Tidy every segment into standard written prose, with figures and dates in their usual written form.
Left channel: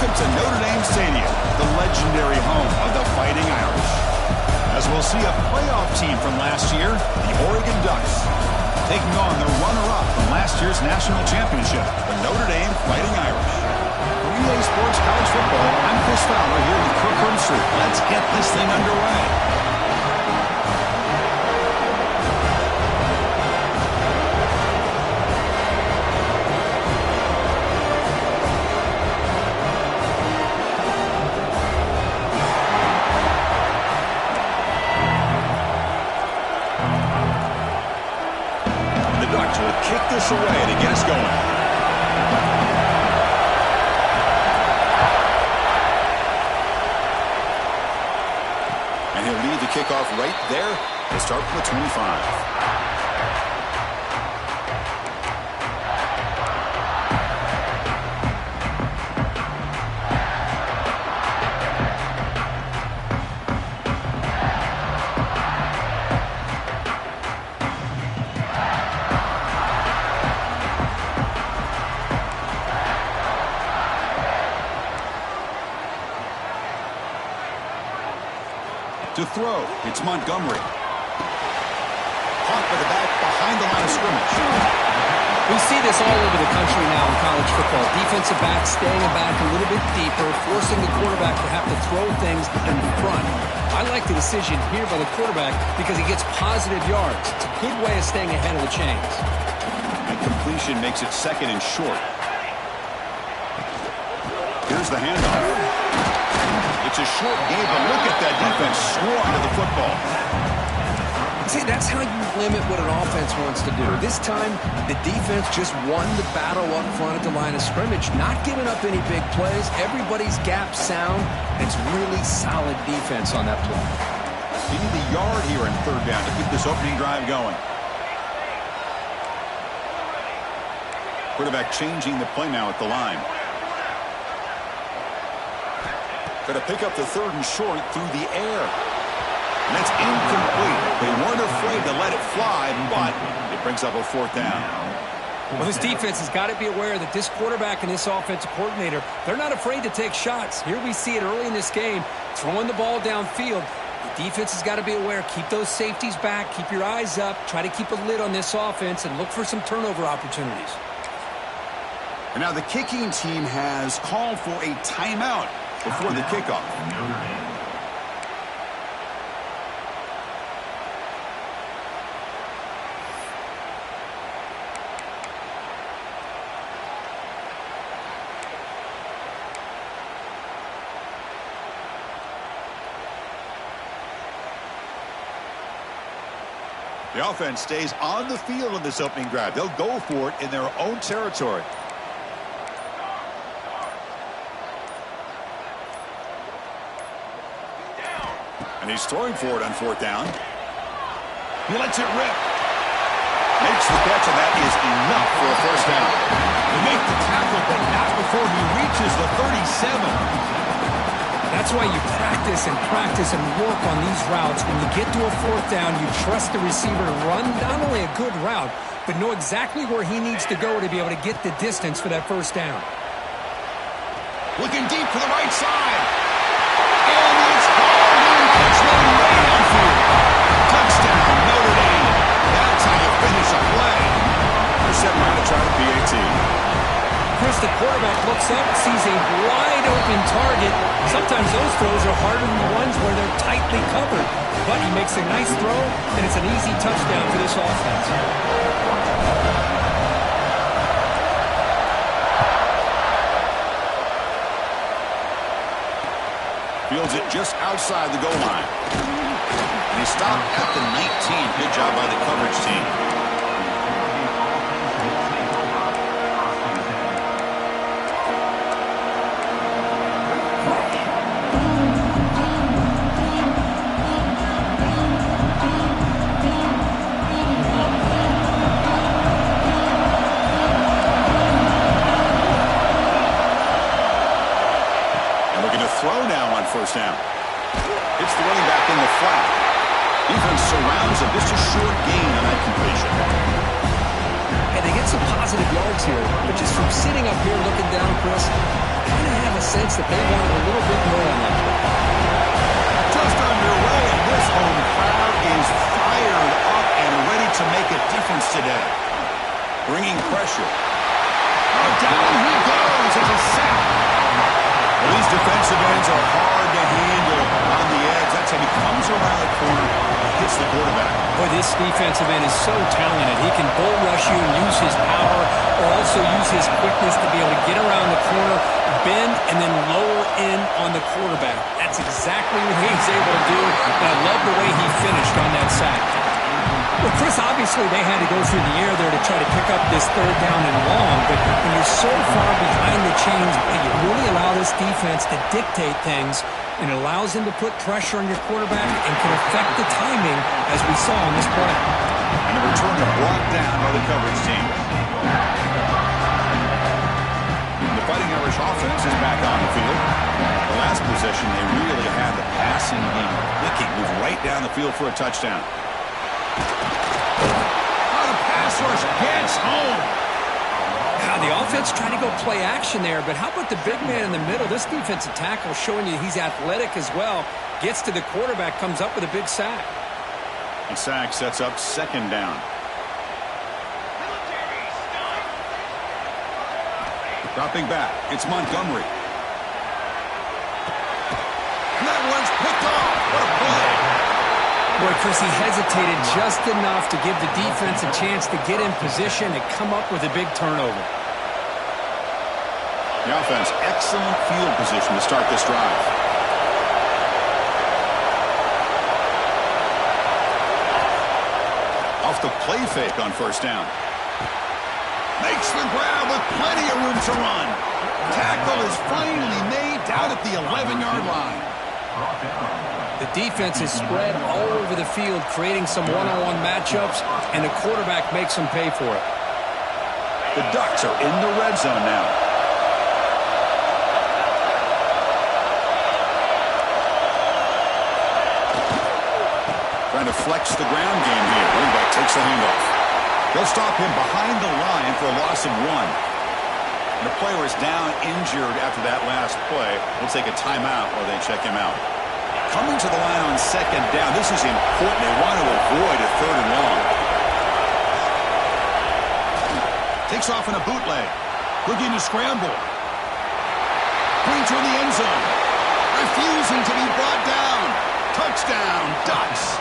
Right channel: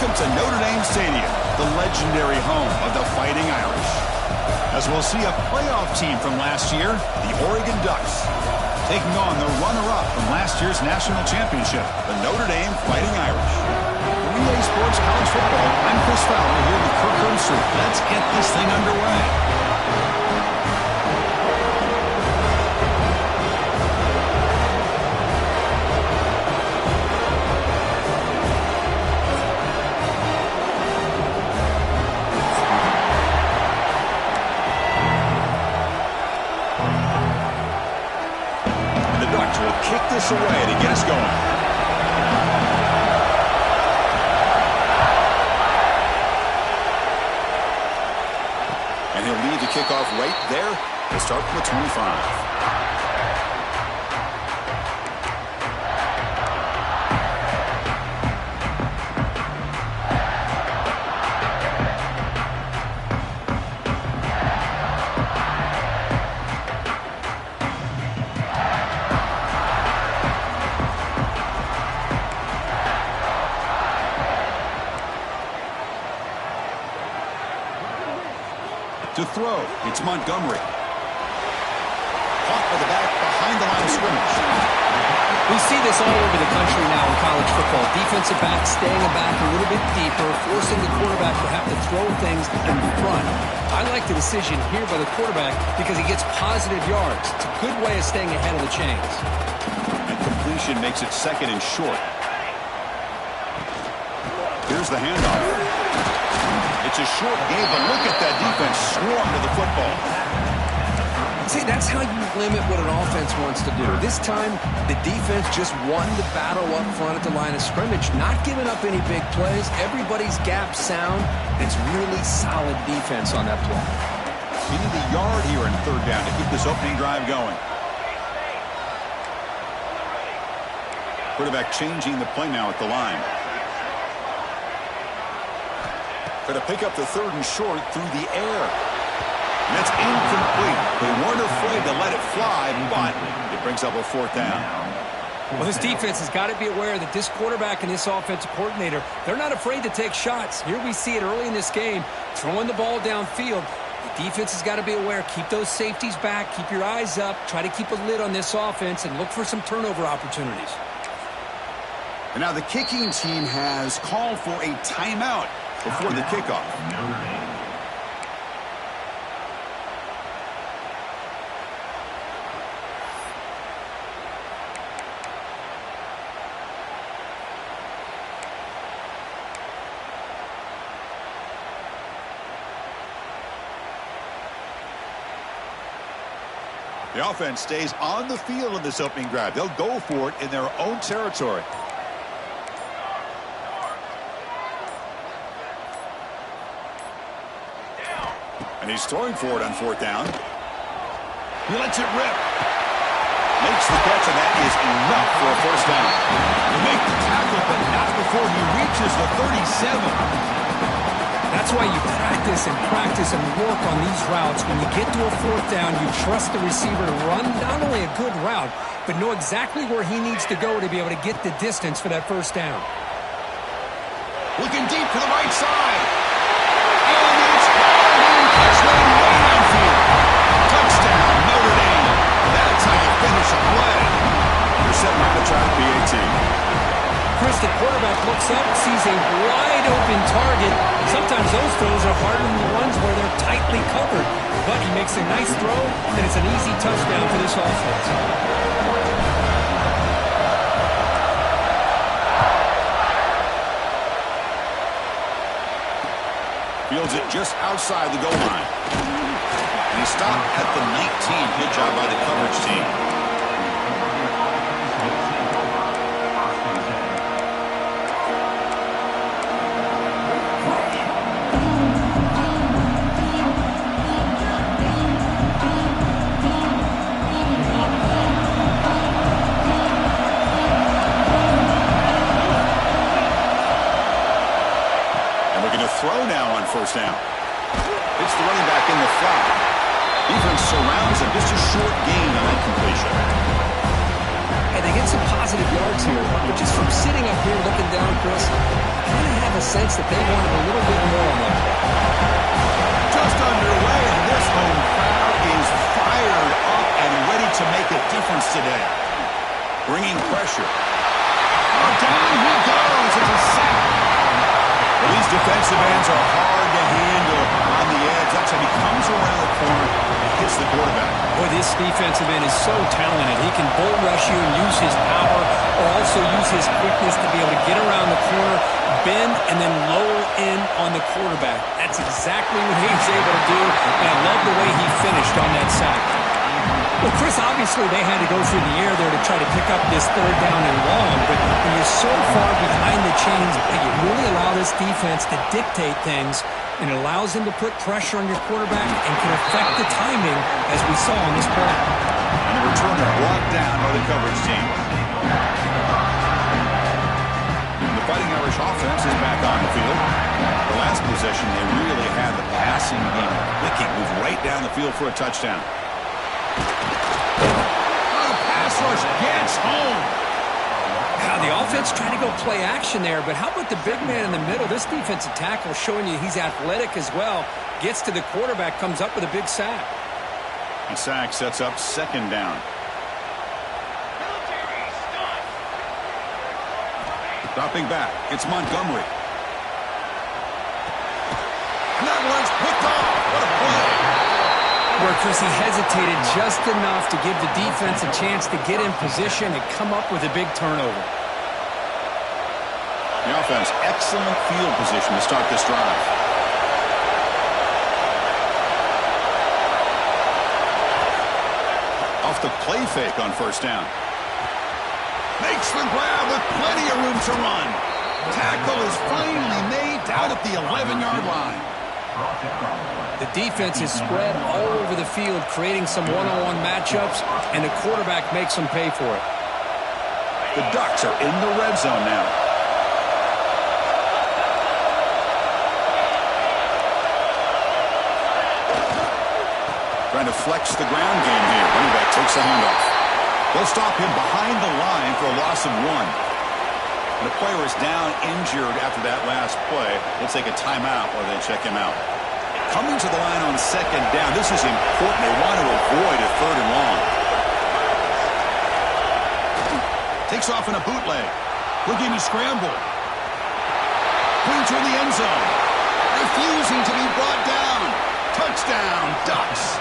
Welcome to Notre Dame Stadium, the legendary home of the Fighting Irish. As we'll see a playoff team from last year, the Oregon Ducks, taking on the runner-up from last year's national championship, the Notre Dame Fighting Irish. For EA Sports College Football, I'm Chris Fowler here with Kirk Herbstreit. Let's get this thing underway. Will kick this away to get us going. And he'll lead the kickoff right there to start from the 25. To throw, it's Montgomery. Caught by the back behind the line of scrimmage. We see this all over the country now in college football. Defensive backs staying back a little bit deeper, forcing the quarterback to have to throw things in front. I like the decision here by the quarterback because he gets positive yards. It's a good way of staying ahead of the chains. And completion makes it second and short. Here's the handoff. It's a short game, but look at that defense swarm to the football. See, that's how you limit what an offense wants to do. This time, the defense just won the battle up front at the line of scrimmage, not giving up any big plays. Everybody's gap sound. It's really solid defense on that play. You need the yard here in third down to keep this opening drive going. Quarterback changing the play now at the line. Going to pick up the third and short through the air. And that's incomplete. They weren't afraid to let it fly, but it brings up a fourth down. Well, this defense has got to be aware that this quarterback and this offensive coordinator, they're not afraid to take shots. Here we see it early in this game, throwing the ball downfield. The defense has got to be aware. Keep those safeties back. Keep your eyes up. Try to keep a lid on this offense and look for some turnover opportunities. And now the kicking team has called for a timeout before the kickoff. The offense stays on the field in this opening drive. They'll go for it in their own territory. And he's throwing for it on fourth down. He lets it rip. Makes the catch, and that is enough for a first down. They make the tackle, but not before he reaches the 37. That's why you practice and work on these routes. When you get to a fourth down, you trust the receiver to run not only a good route, but know exactly where he needs to go to be able to get the distance for that first down. Looking deep to the right side. And it's called in. Catch made way downfield. Touchdown, Notre Dame. That's how you finish a play. They're set now to try the PAT. Chris, the quarterback looks up, sees a wide-open target. Sometimes those throws are harder than the ones where they're tightly covered. But he makes a nice throw, and it's an easy touchdown for this offense. Fields it just outside the goal line. And he stopped at the 19. Good job by the coverage team. Throw now on first down. It's the running back in the flat. Defense surrounds him. Just a short gain on that completion. And they get some positive yards here, but just from sitting up here looking down, Chris, kind of have a sense that they wanted a little bit more on that play. Just underway, and this home crowd is fired up and ready to make a difference today. Bringing pressure. Oh, down he goes. It's a sack. Well, these defensive ends are hard to handle on the edge. That's how he comes around the corner and hits the quarterback. Boy, this defensive end is so talented. He can bull rush you and use his power, or also use his quickness to be able to get around the corner, bend, and then lower in on the quarterback. That's exactly what he's able to do, and I love the way he finished on that sack. Well, Chris, obviously they had to go through the air there to try to pick up this third down and long, but when you're so far behind the chains, you really allow this defense to dictate things, and it allows them to put pressure on your quarterback and can affect the timing, as we saw on this play. And the returner brought down by the coverage team. The Fighting Irish offense is back on the field. The last possession, they really had the passing game clicking, moved right down the field for a touchdown. The pass rush gets home. Now, the offense trying to go play action there, but how about the big man in the middle? This defensive tackle showing you he's athletic as well. Gets to the quarterback, comes up with a big sack. A sack sets up second down. Dropping back, it's Montgomery. And that one's picked off. What a play. Boy, Chris, he hesitated just enough to give the defense a chance to get in position and come up with a big turnover. The offense, excellent field position to start this drive. Off the play fake on first down. Makes the grab with plenty of room to run. Tackle is finally made down at the 11-yard line. The defense is spread all over the field, creating some one-on-one matchups, and the quarterback makes them pay for it. The Ducks are in the red zone now. Trying to flex the ground game here. Running back takes the handoff. They'll stop him behind the line for a loss of 1. And the player is down injured after that last play. We'll take a timeout while they check him out. Coming to the line on second down. This is important. They want to avoid a third and long. Takes off in a bootleg. Looking to scramble. Going toward the end zone. Refusing to be brought down. Touchdown, Ducks.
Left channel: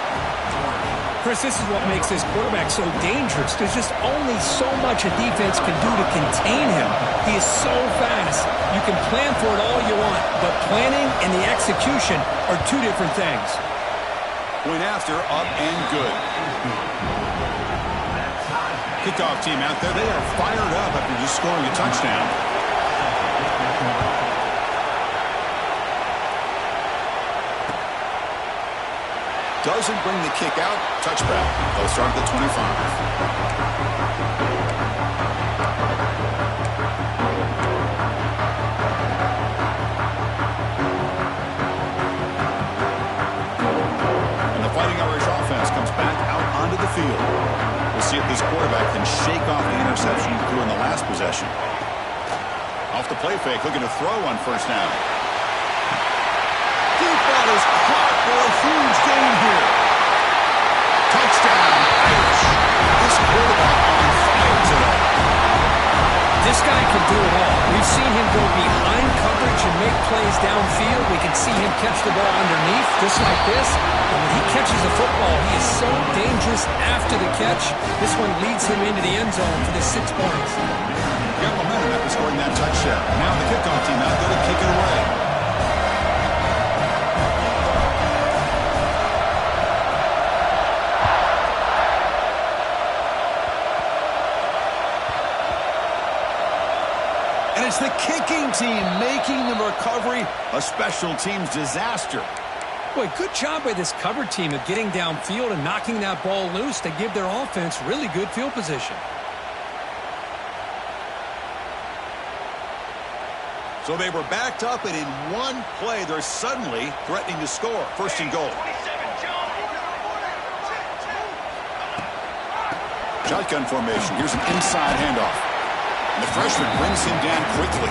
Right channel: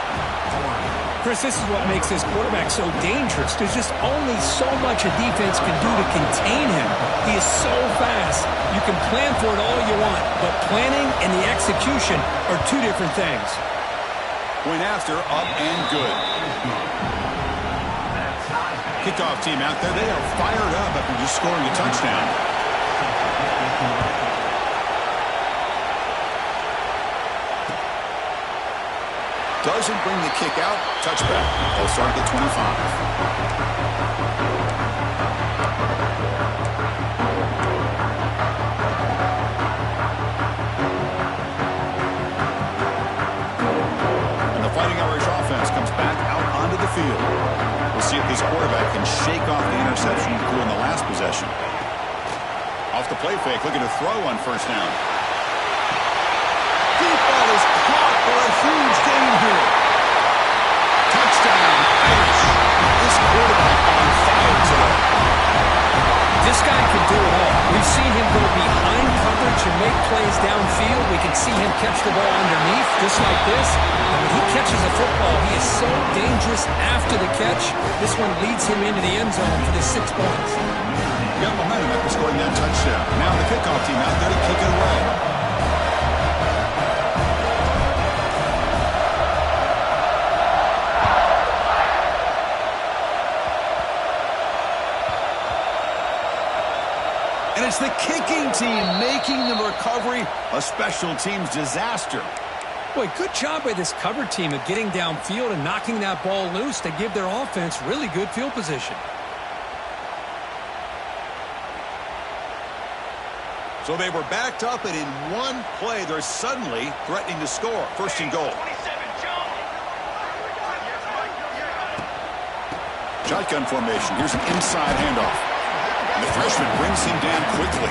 Chris, this is what makes this quarterback so dangerous. There's just only so much a defense can do to contain him. He is so fast. You can plan for it all you want, but planning and the execution are two different things. Point after, up and good. Kickoff team out there, they are fired up after just scoring a touchdown. Doesn't bring the kick out. Touchback. They'll start at the 25. And the Fighting Irish offense comes back out onto the field. We'll see if this quarterback can shake off the interception he threw in the last possession. Off the play fake, looking to throw on first down. Deep ball is caught for a huge gain here. Touchdown, Irish. This quarterback on fire today. This guy can do it all. We've seen him go behind coverage and make plays downfield. We can see him catch the ball underneath, just like this. And when he catches a football, he is so dangerous after the catch. This one leads him into the end zone for the 6 points. Got momentum after scoring that touchdown. Now the kickoff team out there to kick it away. And it's the kicking team making the recovery a special teams disaster. Boy, good job by this cover team of getting downfield and knocking that ball loose to give their offense really good field position. So they were backed up, and in one play, they're suddenly threatening to score. First and goal. Shotgun formation. Here's an inside handoff. And the freshman brings him down quickly.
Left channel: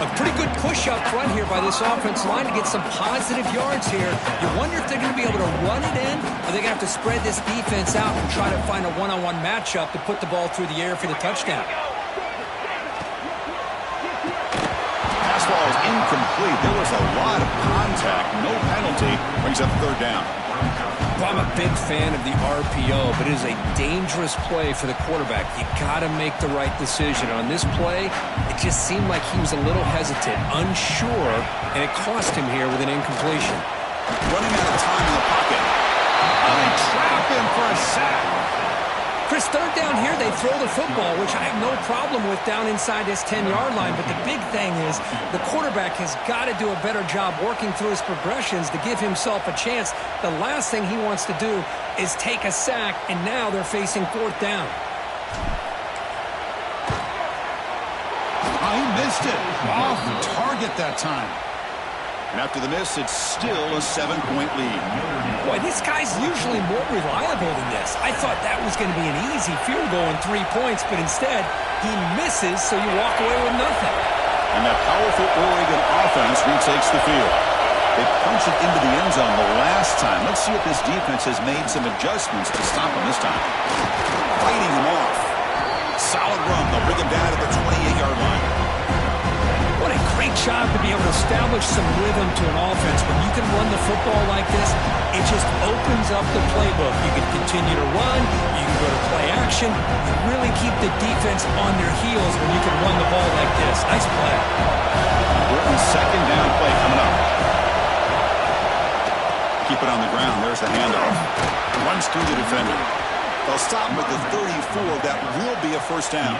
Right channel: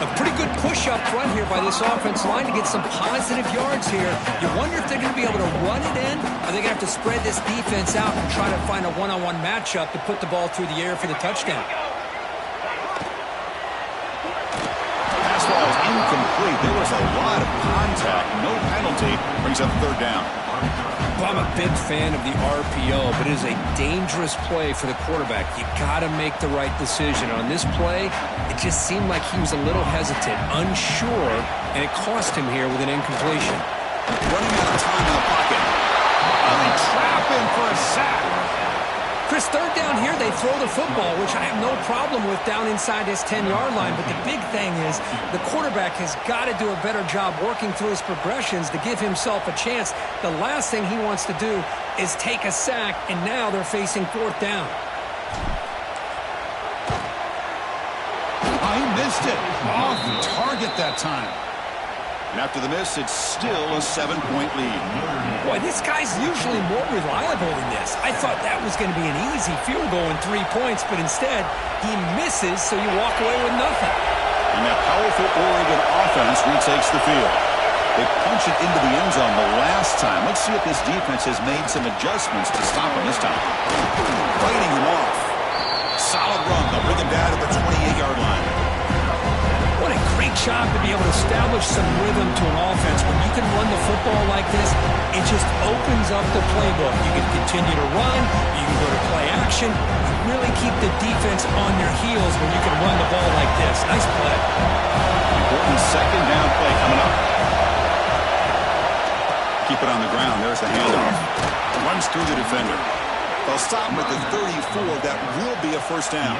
A Pretty good push up front here by this offense line to get some positive yards here. You wonder if they're going to be able to run it in, or they're going to have to spread this defense out and try to find a one-on-one matchup to put the ball through the air for the touchdown. Pass ball is incomplete. There was a lot of contact. No penalty. Brings up third down. Well, I'm a big fan of the RPO, but it is a dangerous play for the quarterback. You got to make the right decision. On this play, it just seemed like he was a little hesitant, unsure, and it cost him here with an incompletion. Running out of time in the pocket. Oh, they trap him for a sack. Chris, third down here, they throw the football, which I have no problem with down inside his 10-yard line. But the big thing is the quarterback has got to do a better job working through his progressions to give himself a chance. The last thing he wants to do is take a sack, and now they're facing fourth down. Oh, he missed it. Off target that time. And after the miss, it's still a 7-point lead. Boy, this guy's usually more reliable than this. I thought that was going to be an easy field goal and 3 points, but instead, he misses, so you walk away with nothing. And that powerful Oregon offense retakes the field. They punch it into the end zone the last time. Let's see if this defense has made some adjustments to stop him this time. Fighting him off. Solid run. They'll bring him down to the 28-yard line. What a great job to be able to establish some rhythm to an offense. When you can run the football like this, it just opens up the playbook. You can continue to run. You can go to play action. You really keep the defense on their heels when you can run the ball like this. Nice play. Important second down play coming up. Keep it on the ground. There's the handoff. Runs through the defender. They'll stop him at the 34. That will be a first down.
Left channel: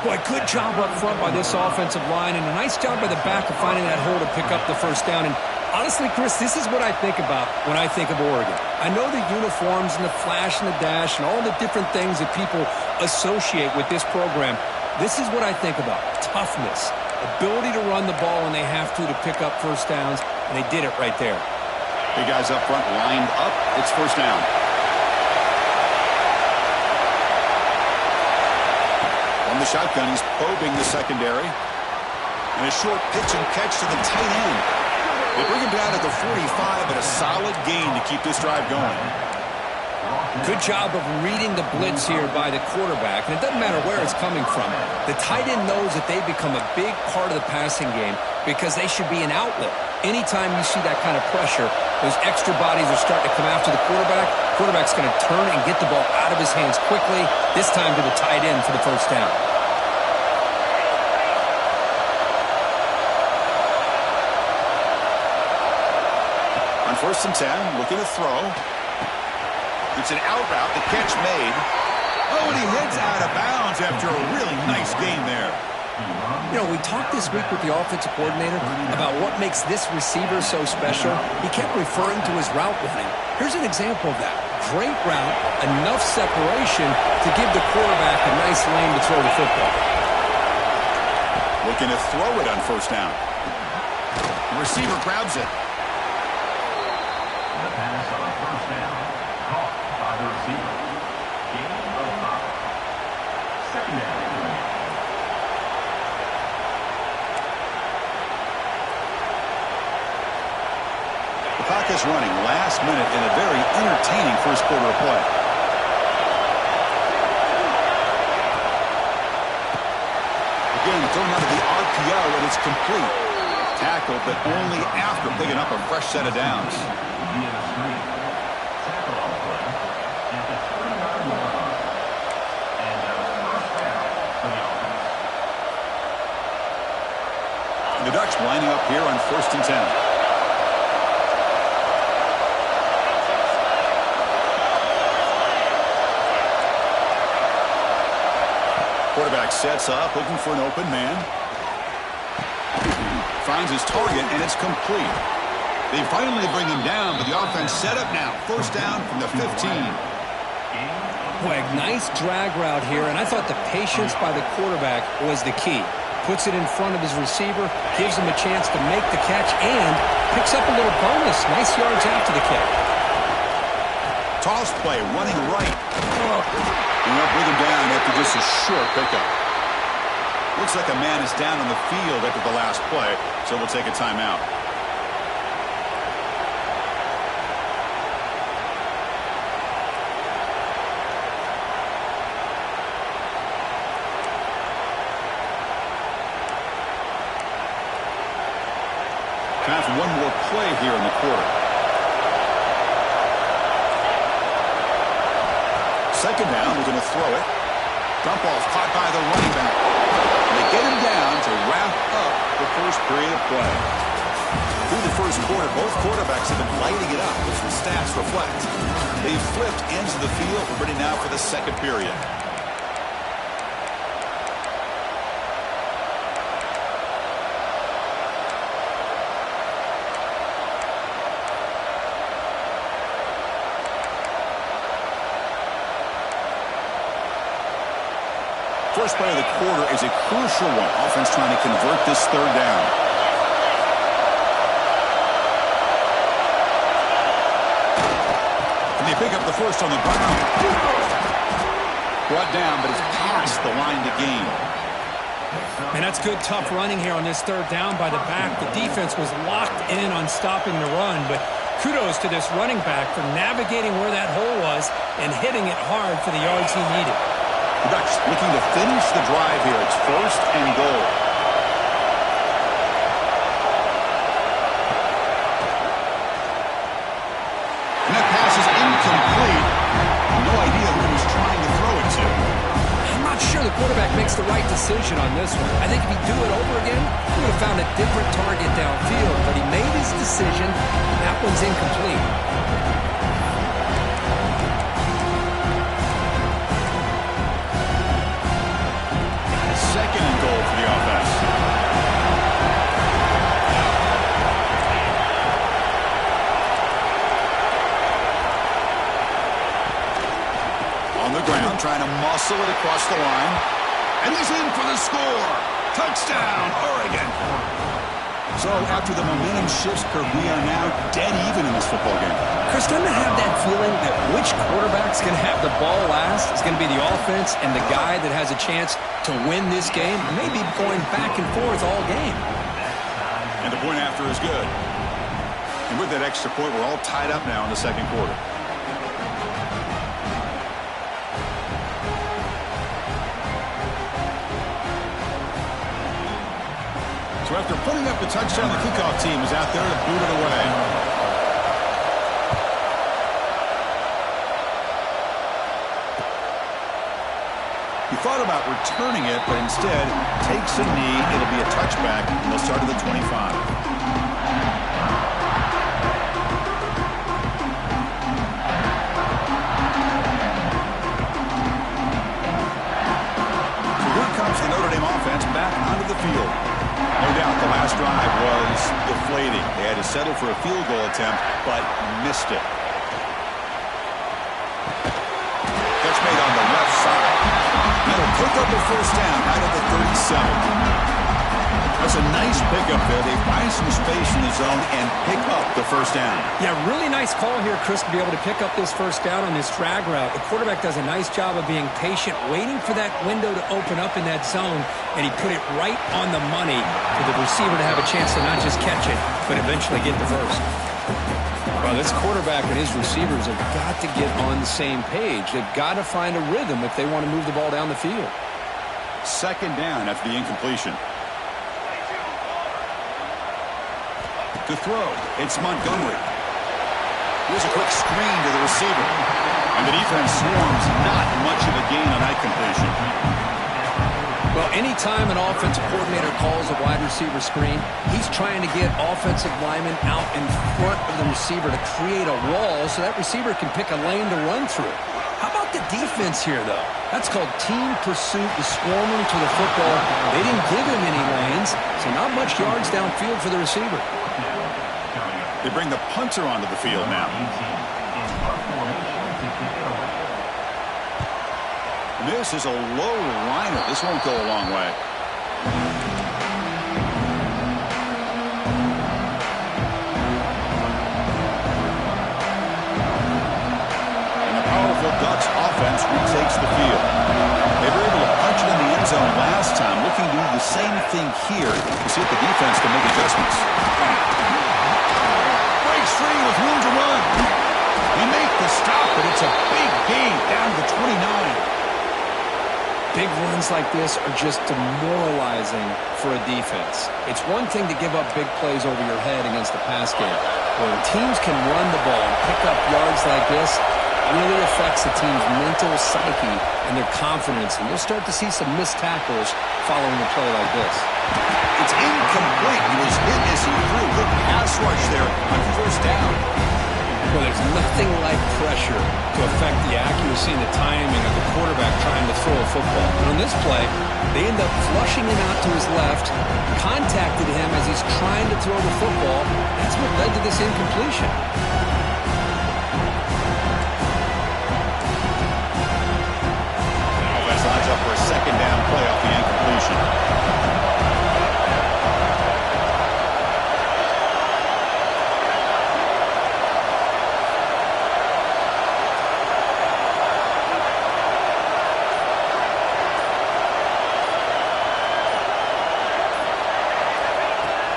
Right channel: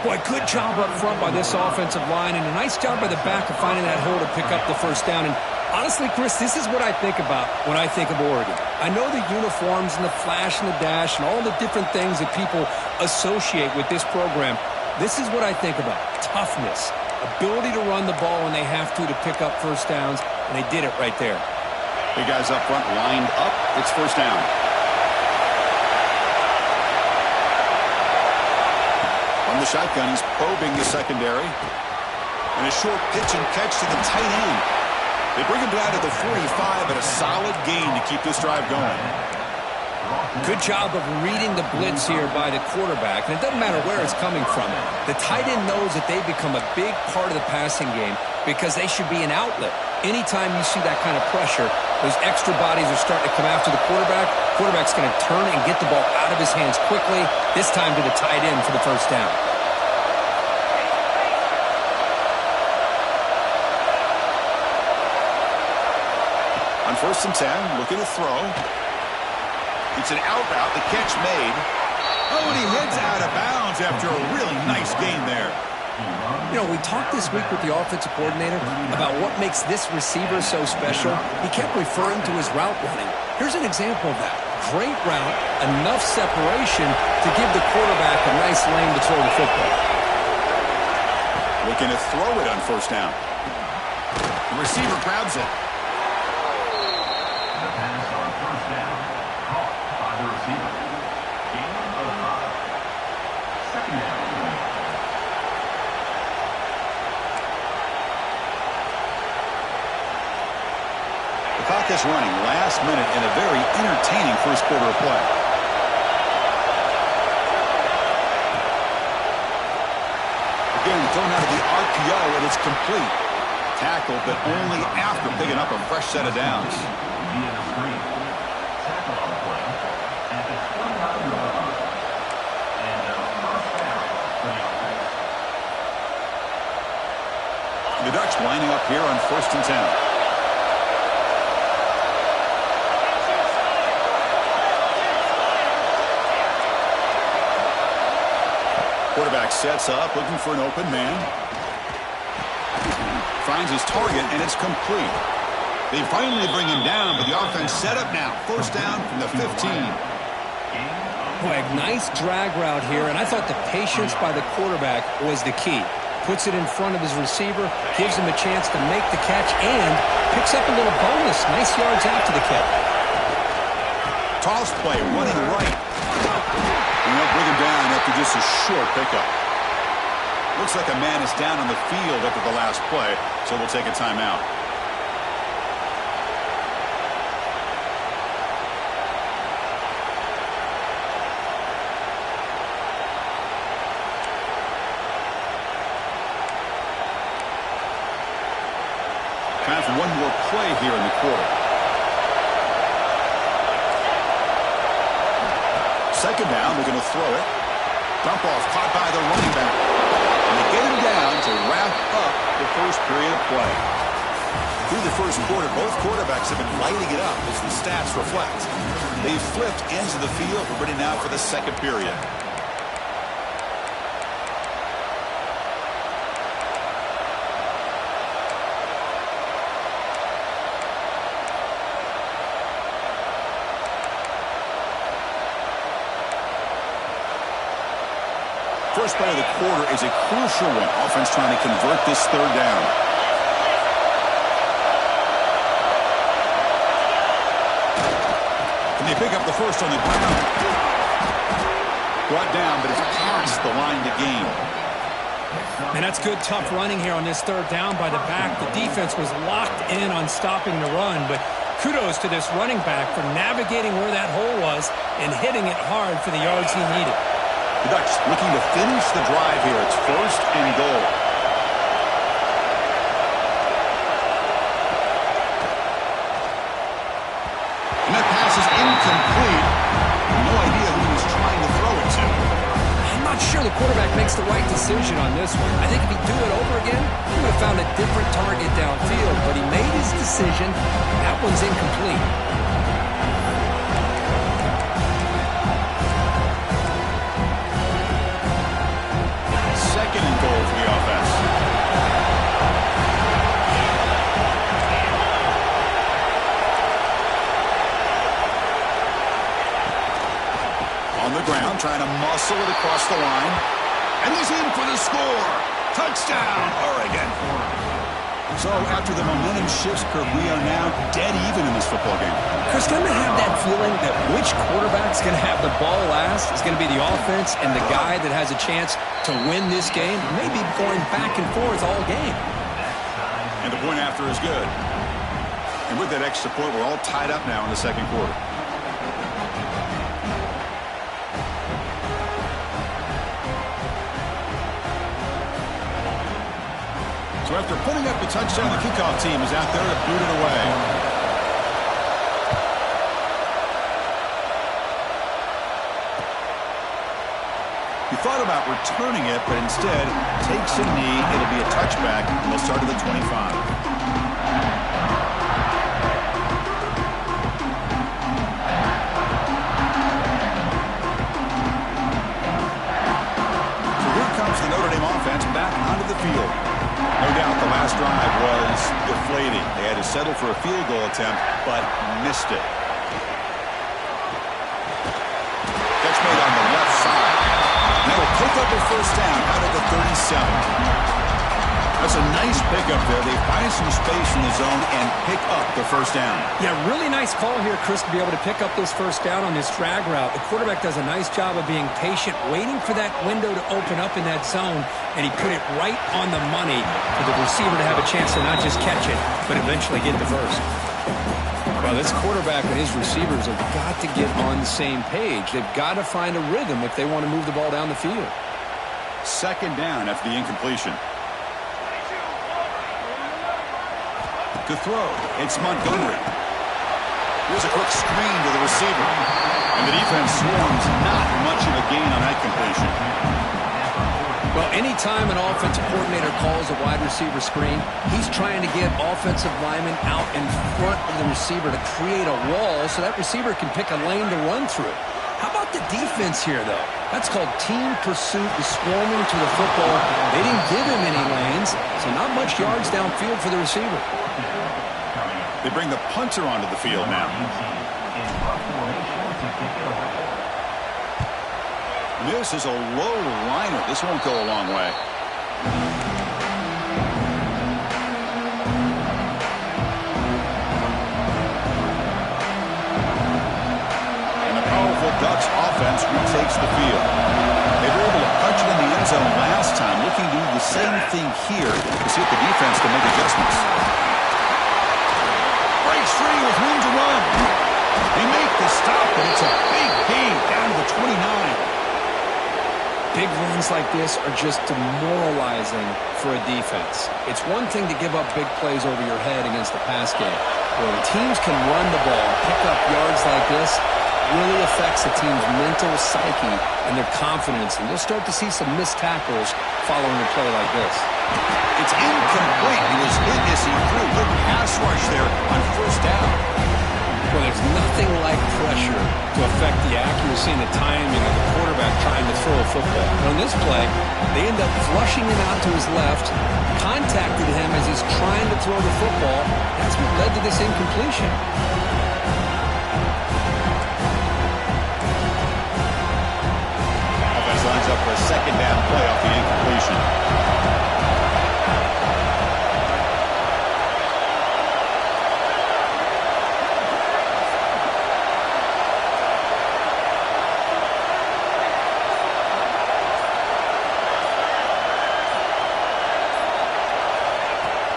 Boy, good job up front by this offensive line, and a nice job by the back of finding that hole to pick up the first down. And honestly, Chris, this is what I think about when I think of Oregon. I know the uniforms and the flash and the dash and all the different things that people associate with this program. This is what I think about. Toughness, ability to run the ball when they have to pick up first downs, and they did it right there. Big guys up front lined up. It's first down. On the shotgun, he's probing the secondary. And a short pitch and catch to the tight end. They bring him down to the 45 at a solid gain to keep this drive going. Good job of reading the blitz here by the quarterback. And it doesn't matter where it's coming from. The tight end knows that they become a big part of the passing game because they should be an outlet. Anytime you see that kind of pressure, those extra bodies are starting to come after the quarterback. Quarterback's going to turn and get the ball out of his hands quickly, this time to the tight end for the first down. On 1st and 10, looking to throw. It's an out route, the catch made. Oh, and he heads out of bounds after a really nice gain there. You know, we talked this week with the offensive coordinator about what makes this receiver so special. He kept referring to his route running. Here's an example of that. Great route, enough separation to give the quarterback a nice lane to throw the football. Looking to throw it on first down. The receiver grabs it. The pass on first down, caught by the receiver. Gain of 5. Second down. The clock is running last minute in a very entertaining first quarter of play. Again, thrown out of the RPO, and it's complete. Tackled, but only after picking up a fresh set of downs. Via the screen. Tackle on the play at the 29-yard line. And a first down for the offense. The Ducks lining up here on 1st and 10. Quarterback sets up, looking for an open man. Finds his target, and it's complete. They finally bring him down, but the offense set up now. First down from the 15. Boy, a nice drag route here, and I thought the patience by the quarterback was the key. Puts it in front of his receiver, gives him a chance to make the catch, and picks up a little bonus. Nice yards after the catch. Toss play, running right. And they'll bring him down after just a short pickup. Looks like a man is down on the field after the last play, so we'll take a timeout. Time for one more play here in the quarter. Second down, we're going to throw it. Dump off caught by the running back. And they get him down to wrap up the first period of play. Through the first quarter, both quarterbacks have been lighting it up, as the stats reflect. They've flipped ends of the field. We're ready now for the second period. First play of the quarter is a crucial one. Offense trying to convert this third down. And they pick up the first on the ground. Brought down, but it's past the line to gain. And that's good, tough running here on this third down by the back. The defense was locked in on stopping the run, but kudos to this running back for navigating where that hole was and hitting it hard for the yards he needed. The Ducks looking to finish the drive here. It's first and goal. And that pass is incomplete. No idea who he was trying to throw it to. I'm not sure the quarterback makes the right decision on this one. I think if he'd do it over again, he would have found a different target downfield. But he made his decision. That one's incomplete. Second and goal for the offense. On the ground, trying to muscle it across the line. And he's in for the score. Touchdown, Oregon. So after the momentum shifts, Kirk, we are now dead even in this football game. Chris, going to have that feeling that which quarterback's going to have the ball last is going to be the offense, and the guy that has a chance to win this game may be going back and forth all game. And the point after is good. And with that extra point, we're all tied up now in the second quarter. So after putting up the touchdown, the kickoff team is out there to boot it away. He thought about returning it, but instead takes a knee. It'll be a touchback, and they'll start at the 25. So here comes the Notre Dame offense back onto the field. No doubt the last drive was deflating. They had to settle for a field goal attempt, but missed it. Catch made on the left side. That'll pick up a first down out of the 37. That's a nice pickup there. They find some space in the zone and pick up the first down. Yeah, really nice call here, Chris, to be able to pick up this first down on this drag route. The quarterback does a nice job of being patient, waiting for that window to open up in that zone, and he put it right on the money for the receiver to have a chance to not just catch it, but eventually get the first. Well, this quarterback and his receivers have got to get on the same page. They've got to find a rhythm if they want to move the ball down the field. Second down after the incompletion. To throw, it's Montgomery. Here's a quick screen to the receiver. And the defense swarms, not much of a gain on that completion. Well, anytime an offensive coordinator calls a wide receiver screen, he's trying to get offensive linemen out in front of the receiver to create a wall so that receiver can pick a lane to run through. How about the defense here, though? That's called team pursuit, the swarming to the football. They didn't give him any lanes, so not much yards downfield for the receiver. They bring the punter onto the field now. This is a low liner. This won't go a long way. And the powerful Ducks offense retakes the field. They were able to punch it in the end zone last time, looking to do the same thing here to see if the defense can make adjustments. Breaks free with room to run. They make the stop, but it's a big gain down to the 29. Big runs like this are just demoralizing for a defense. It's one thing to give up big plays over your head against the pass game. But when teams can run the ball and pick up yards like this, it really affects the team's mental psyche and their confidence. And you'll start to see some missed tackles following a play like this. It's incomplete. He was hit as he threw. Good pass rush there on first down. Well, there's nothing like pressure to affect the accuracy and the timing of the quarterback trying to throw a football. And on this play, they end up flushing him out to his left, contacted him as he's trying to throw the football. That's what led to this incompletion. Offense lines up for a second down play off the incompletion.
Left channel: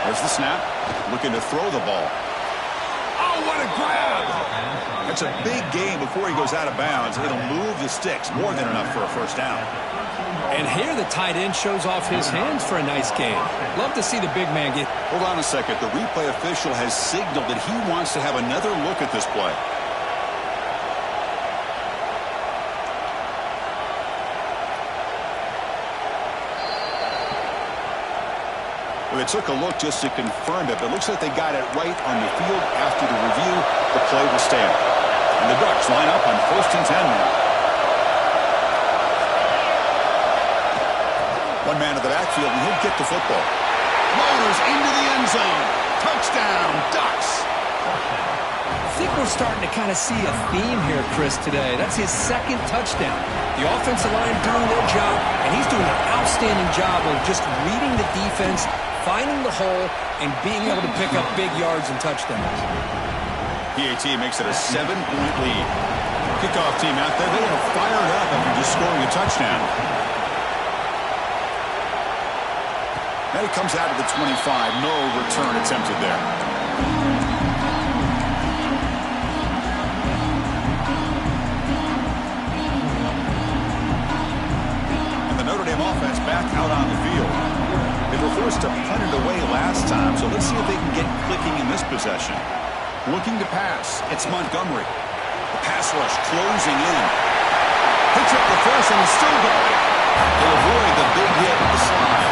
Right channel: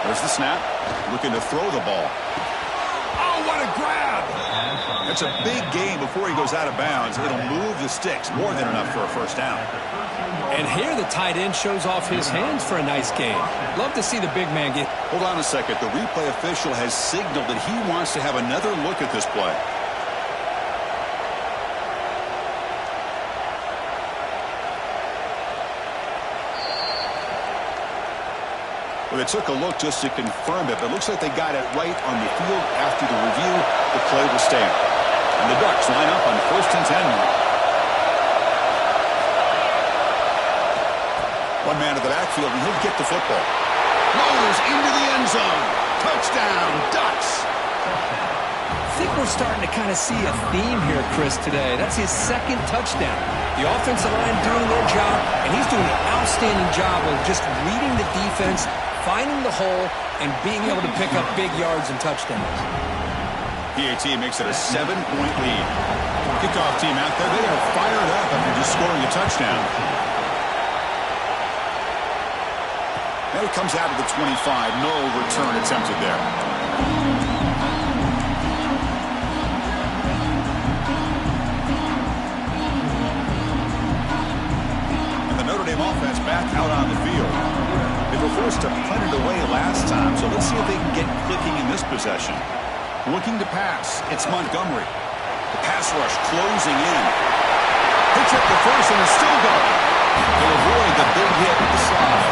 There's the snap. Looking to throw the ball. Oh, what a grab! That's a big gain before he goes out of bounds. It'll move the sticks. More than enough for a first down. And here the tight end shows off his hands for a nice gain. Love to see the big man get... Hold on a second. The replay official has signaled that he wants to have another look at this play. Well, they took a look just to confirm it, but it looks like they got it right on the field after the review. The play will stand. And the Ducks line up on 1st and 10 now. One man to the backfield, and he'll get the football. Motors into the end zone. Touchdown, Ducks. I think we're starting to kind of see a theme here, Chris, today. That's his second touchdown. The offensive line doing their job, and he's doing an outstanding job of just reading the defense, finding the hole, and being able to pick up big yards and touchdowns. PAT makes it a 7-point lead. Kickoff team out there, they are fired up after just scoring a touchdown. And it comes out to the 25. No return attempted there. And the Notre Dame offense back out on the field. They were forced to punt it away last time, so let's see if they can get clicking in this possession. Looking to pass. It's Montgomery. The pass rush closing in. Picks up the first and is still going. They'll avoid the big hit with the slide.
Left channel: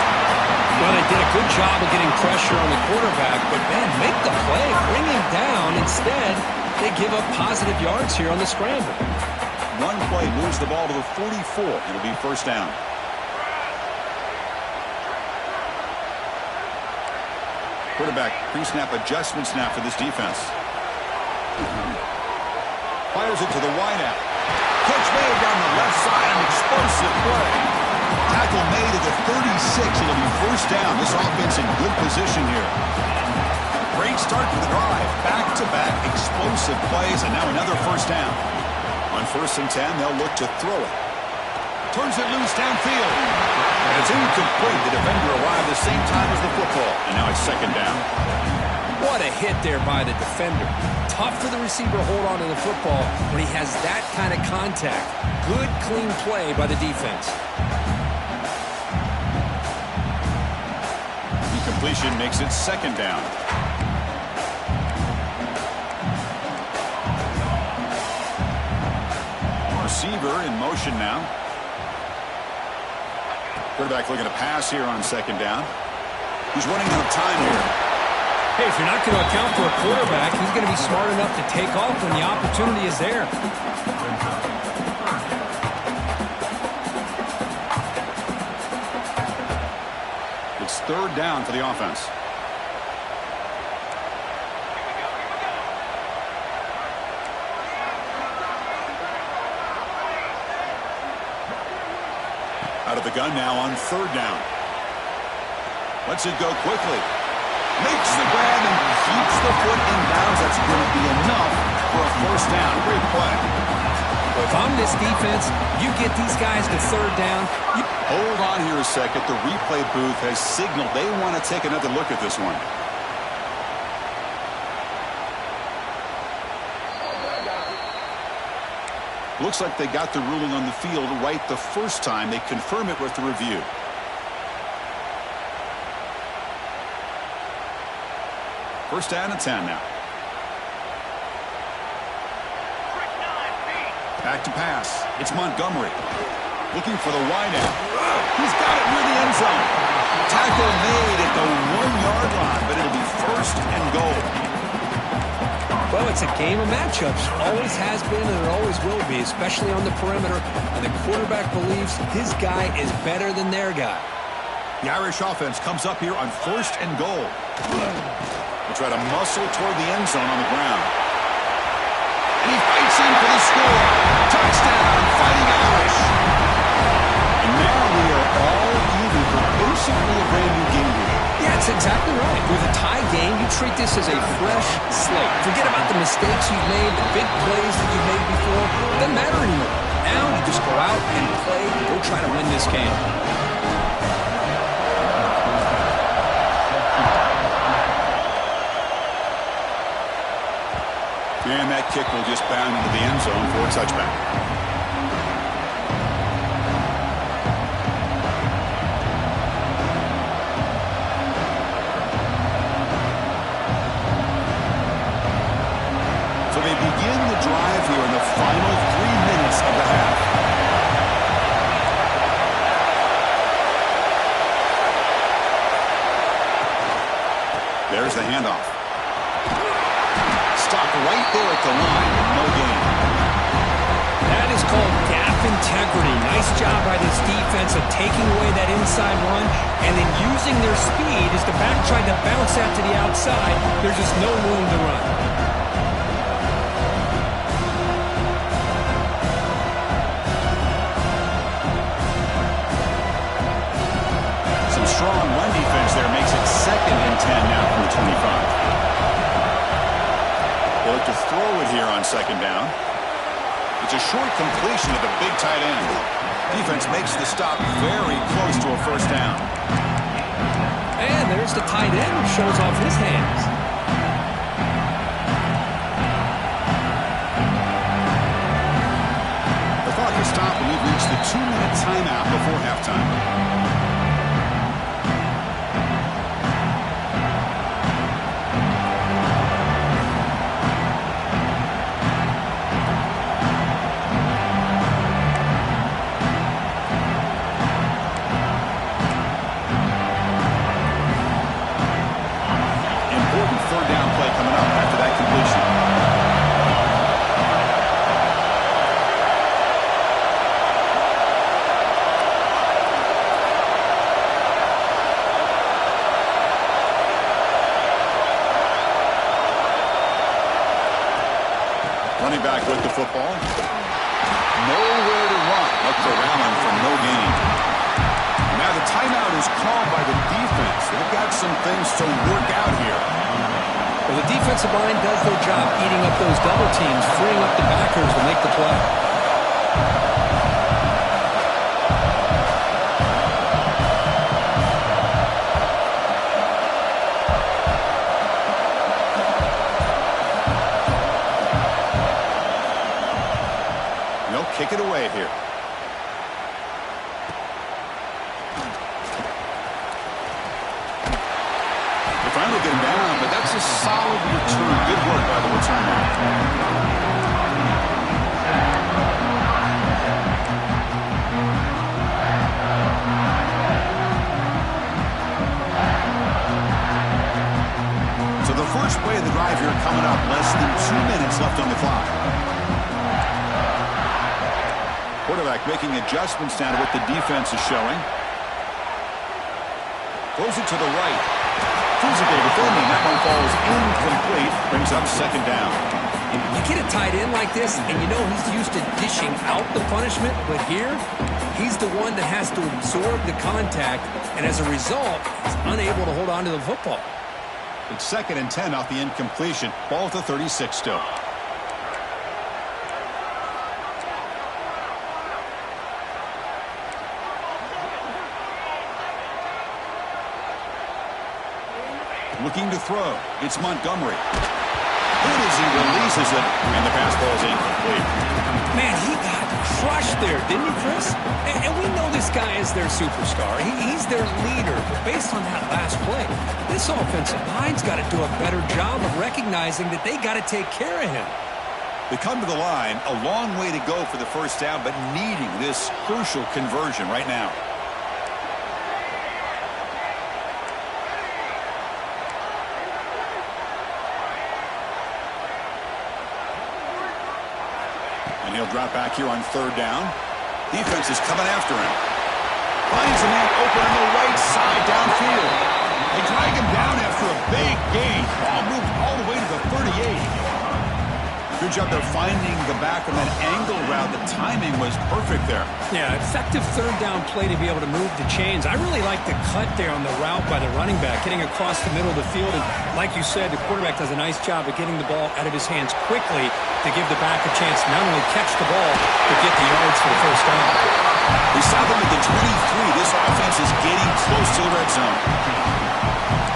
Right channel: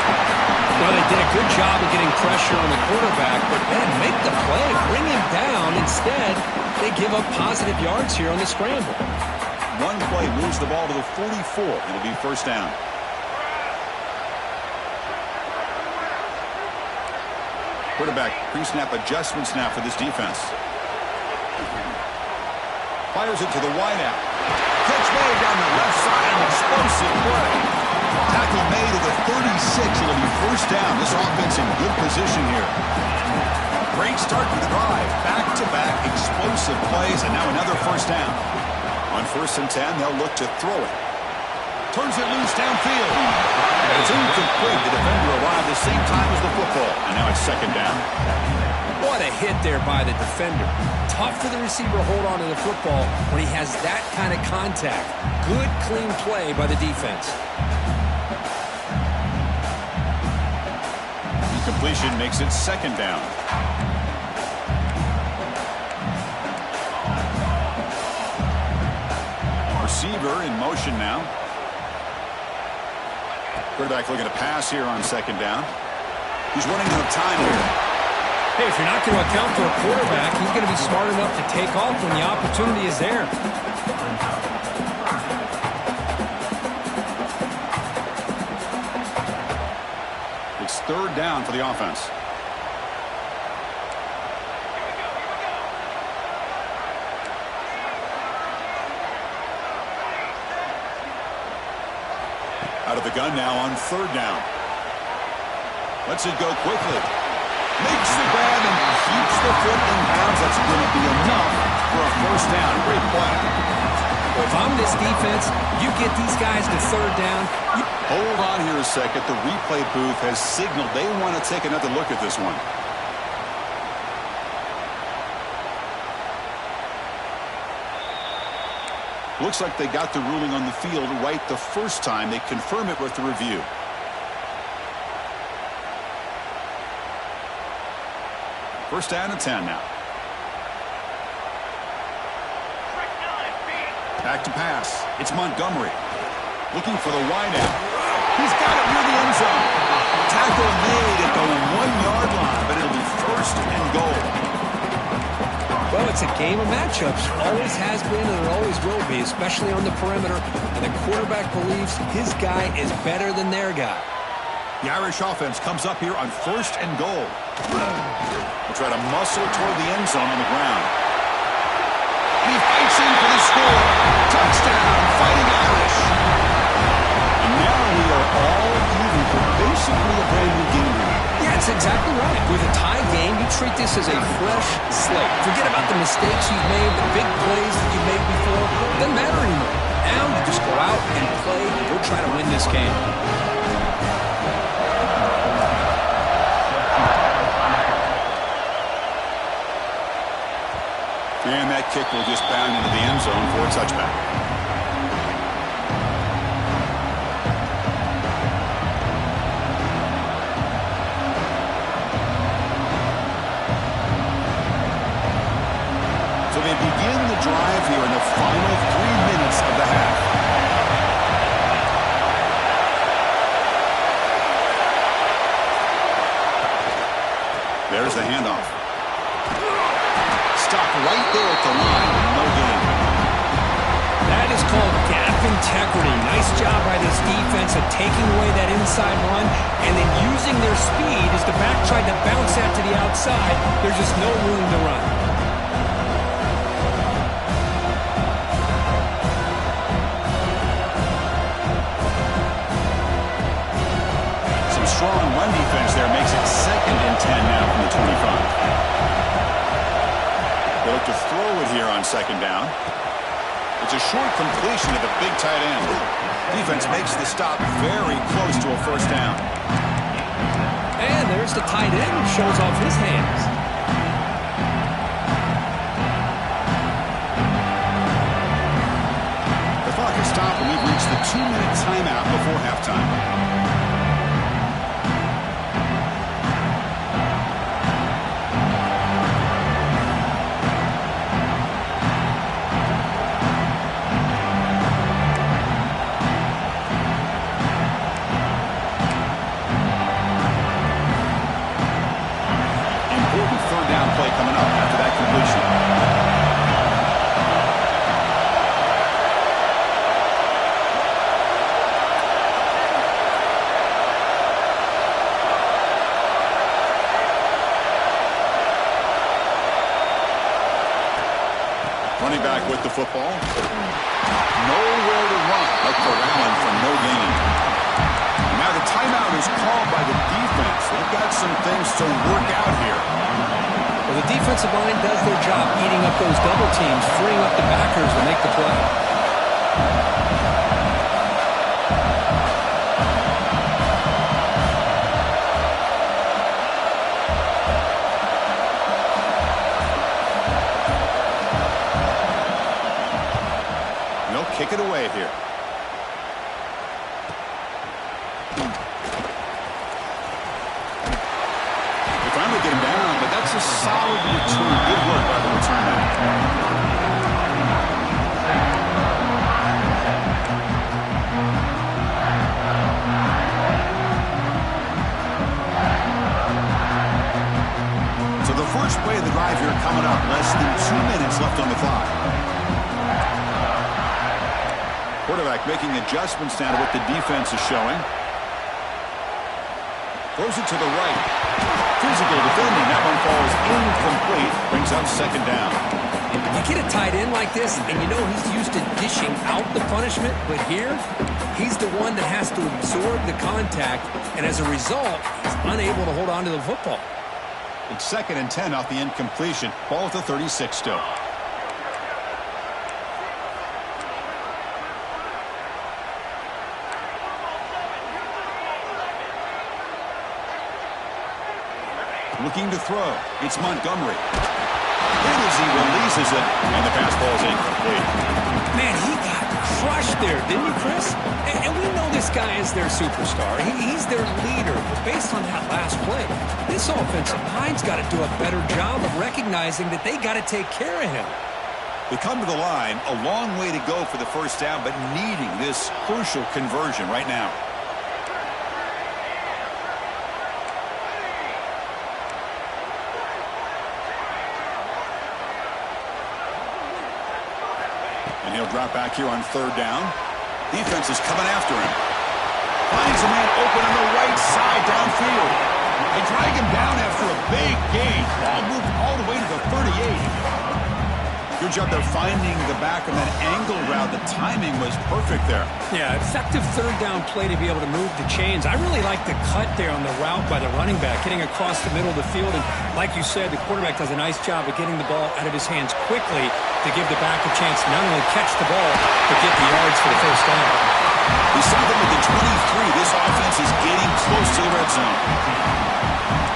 Well, they did a good job of getting pressure on the quarterback, but, man, make the play. Bring him down. Instead, they give up positive yards here on the scramble. One play moves the ball to the 44. It'll be first down. Quarterback pre-snap adjustments now for this defense. Fires it to the wideout. Catch made down the left side. An explosive play. Tackle made at the 36. It'll be first down. This offense in good position here. Great start to the drive. Back-to-back explosive plays, and now another first down. On 1st and 10, they'll look to throw it. Turns it loose downfield. And it's incomplete. The defender arrived the same time as the football. And now it's second down. What a hit there by the defender. Tough for the receiver to hold on to the football when he has that kind of contact. Good, clean play by the defense. Incompletion makes it second down. Receiver in motion now. Quarterback looking to pass here on second down. He's running out of time here. Hey, if you're not going to account for a quarterback, he's going to be smart enough to take off when the opportunity is there. It's third down for the offense. Out of the gun now on third down. Lets it go quickly. Makes the grab and keeps the foot in bounds. That's going to be enough for a first down. Great play. Well, if I'm this defense, you get these guys to third down. Hold on here a second. The replay booth has signaled they want to take another look at this one. Looks like they got the ruling on the field right the first time. They confirm it with the review. First down and 10 now. Back to pass. It's Montgomery. Looking for the wideout. He's got it near the end zone. Tackle made at the 1-yard line, but it'll be first and goal. Well, it's a game of matchups. Always has been and it always will be, especially on the perimeter. And the quarterback believes his guy is better than their guy. The Irish offense comes up here on first and goal. We'll try to muscle toward the end zone on the ground. And he fights in for the score. Touchdown, Fighting Irish. And now we are all even for basically a brand new game here. Yeah, it's exactly right. With a tie game, you treat this as a fresh slate. Forget about the mistakes you've made, the big plays that you've made before. It doesn't matter anymore. Now you just go out and play and go try to win this game. And that kick will just bound into the end zone for a touchback. So they begin the drive here in the final 3 minutes of the half. There's the handoff. Stopped right there at the line, no gain. That is called gap integrity. Nice job by this defense of taking away that inside run and then using their speed as the back tried to bounce that to the outside. There's just no room to run. Some strong run defense there makes it 2nd and 10 now from the 25. They look to throw it here on 2nd down. It's a short completion of the big tight end. Defense makes the stop very close to a first down. And there's the tight end who shows off his hands. The clock has stopped and we've reached the 2-minute timeout before halftime. Coming up after that completion. Running back with the football. Nowhere to run. Up for Allen for no gain. Now the timeout is called by the defense. They've got some things to work out here. Well, the defensive line does their job eating up those double teams, freeing up the backers to make the play. They'll kick it away here. Finally get him down, but that's a solid return. Good work by the return man. So the first play of the drive here coming up. Less than 2 minutes left on the clock. Quarterback making adjustments now to what the defense is showing. Throws it to the right. Physical defending. That one falls incomplete. Brings up 2nd down. You get a tight end like this, and you know he's used to dishing out the punishment, but here, he's the one that has to absorb the contact, and as a result, he's unable to hold on to the football. It's 2nd and 10 off the incompletion. Ball at the 36 still. Looking to throw. It's Montgomery. Hit as he releases it, and the pass ball is incomplete. Man, he got crushed there, didn't he, Chris? And we know this guy is their superstar. He's their leader. But based on that last play, this offensive line's got to do a better job of recognizing that they got to take care of him. They come to the line, a long way to go for the first down, but needing this crucial conversion right now. And he'll drop back here on third down. Defense is coming after him. Finds a man open on the right side downfield. They drag him down after a big gain. Ball moved all the way to the 38. Good job there finding the back on that angle route. The timing was perfect there. Yeah, effective third down play to be able to move the chains. I really like the cut there on the route by the running back, getting across the middle of the field. And like you said, the quarterback does a nice job of getting the ball out of his hands quickly to give the back a chance to not only catch the ball, but get the yards for the first down. We saw them at the 23. This offense is getting close to the red zone.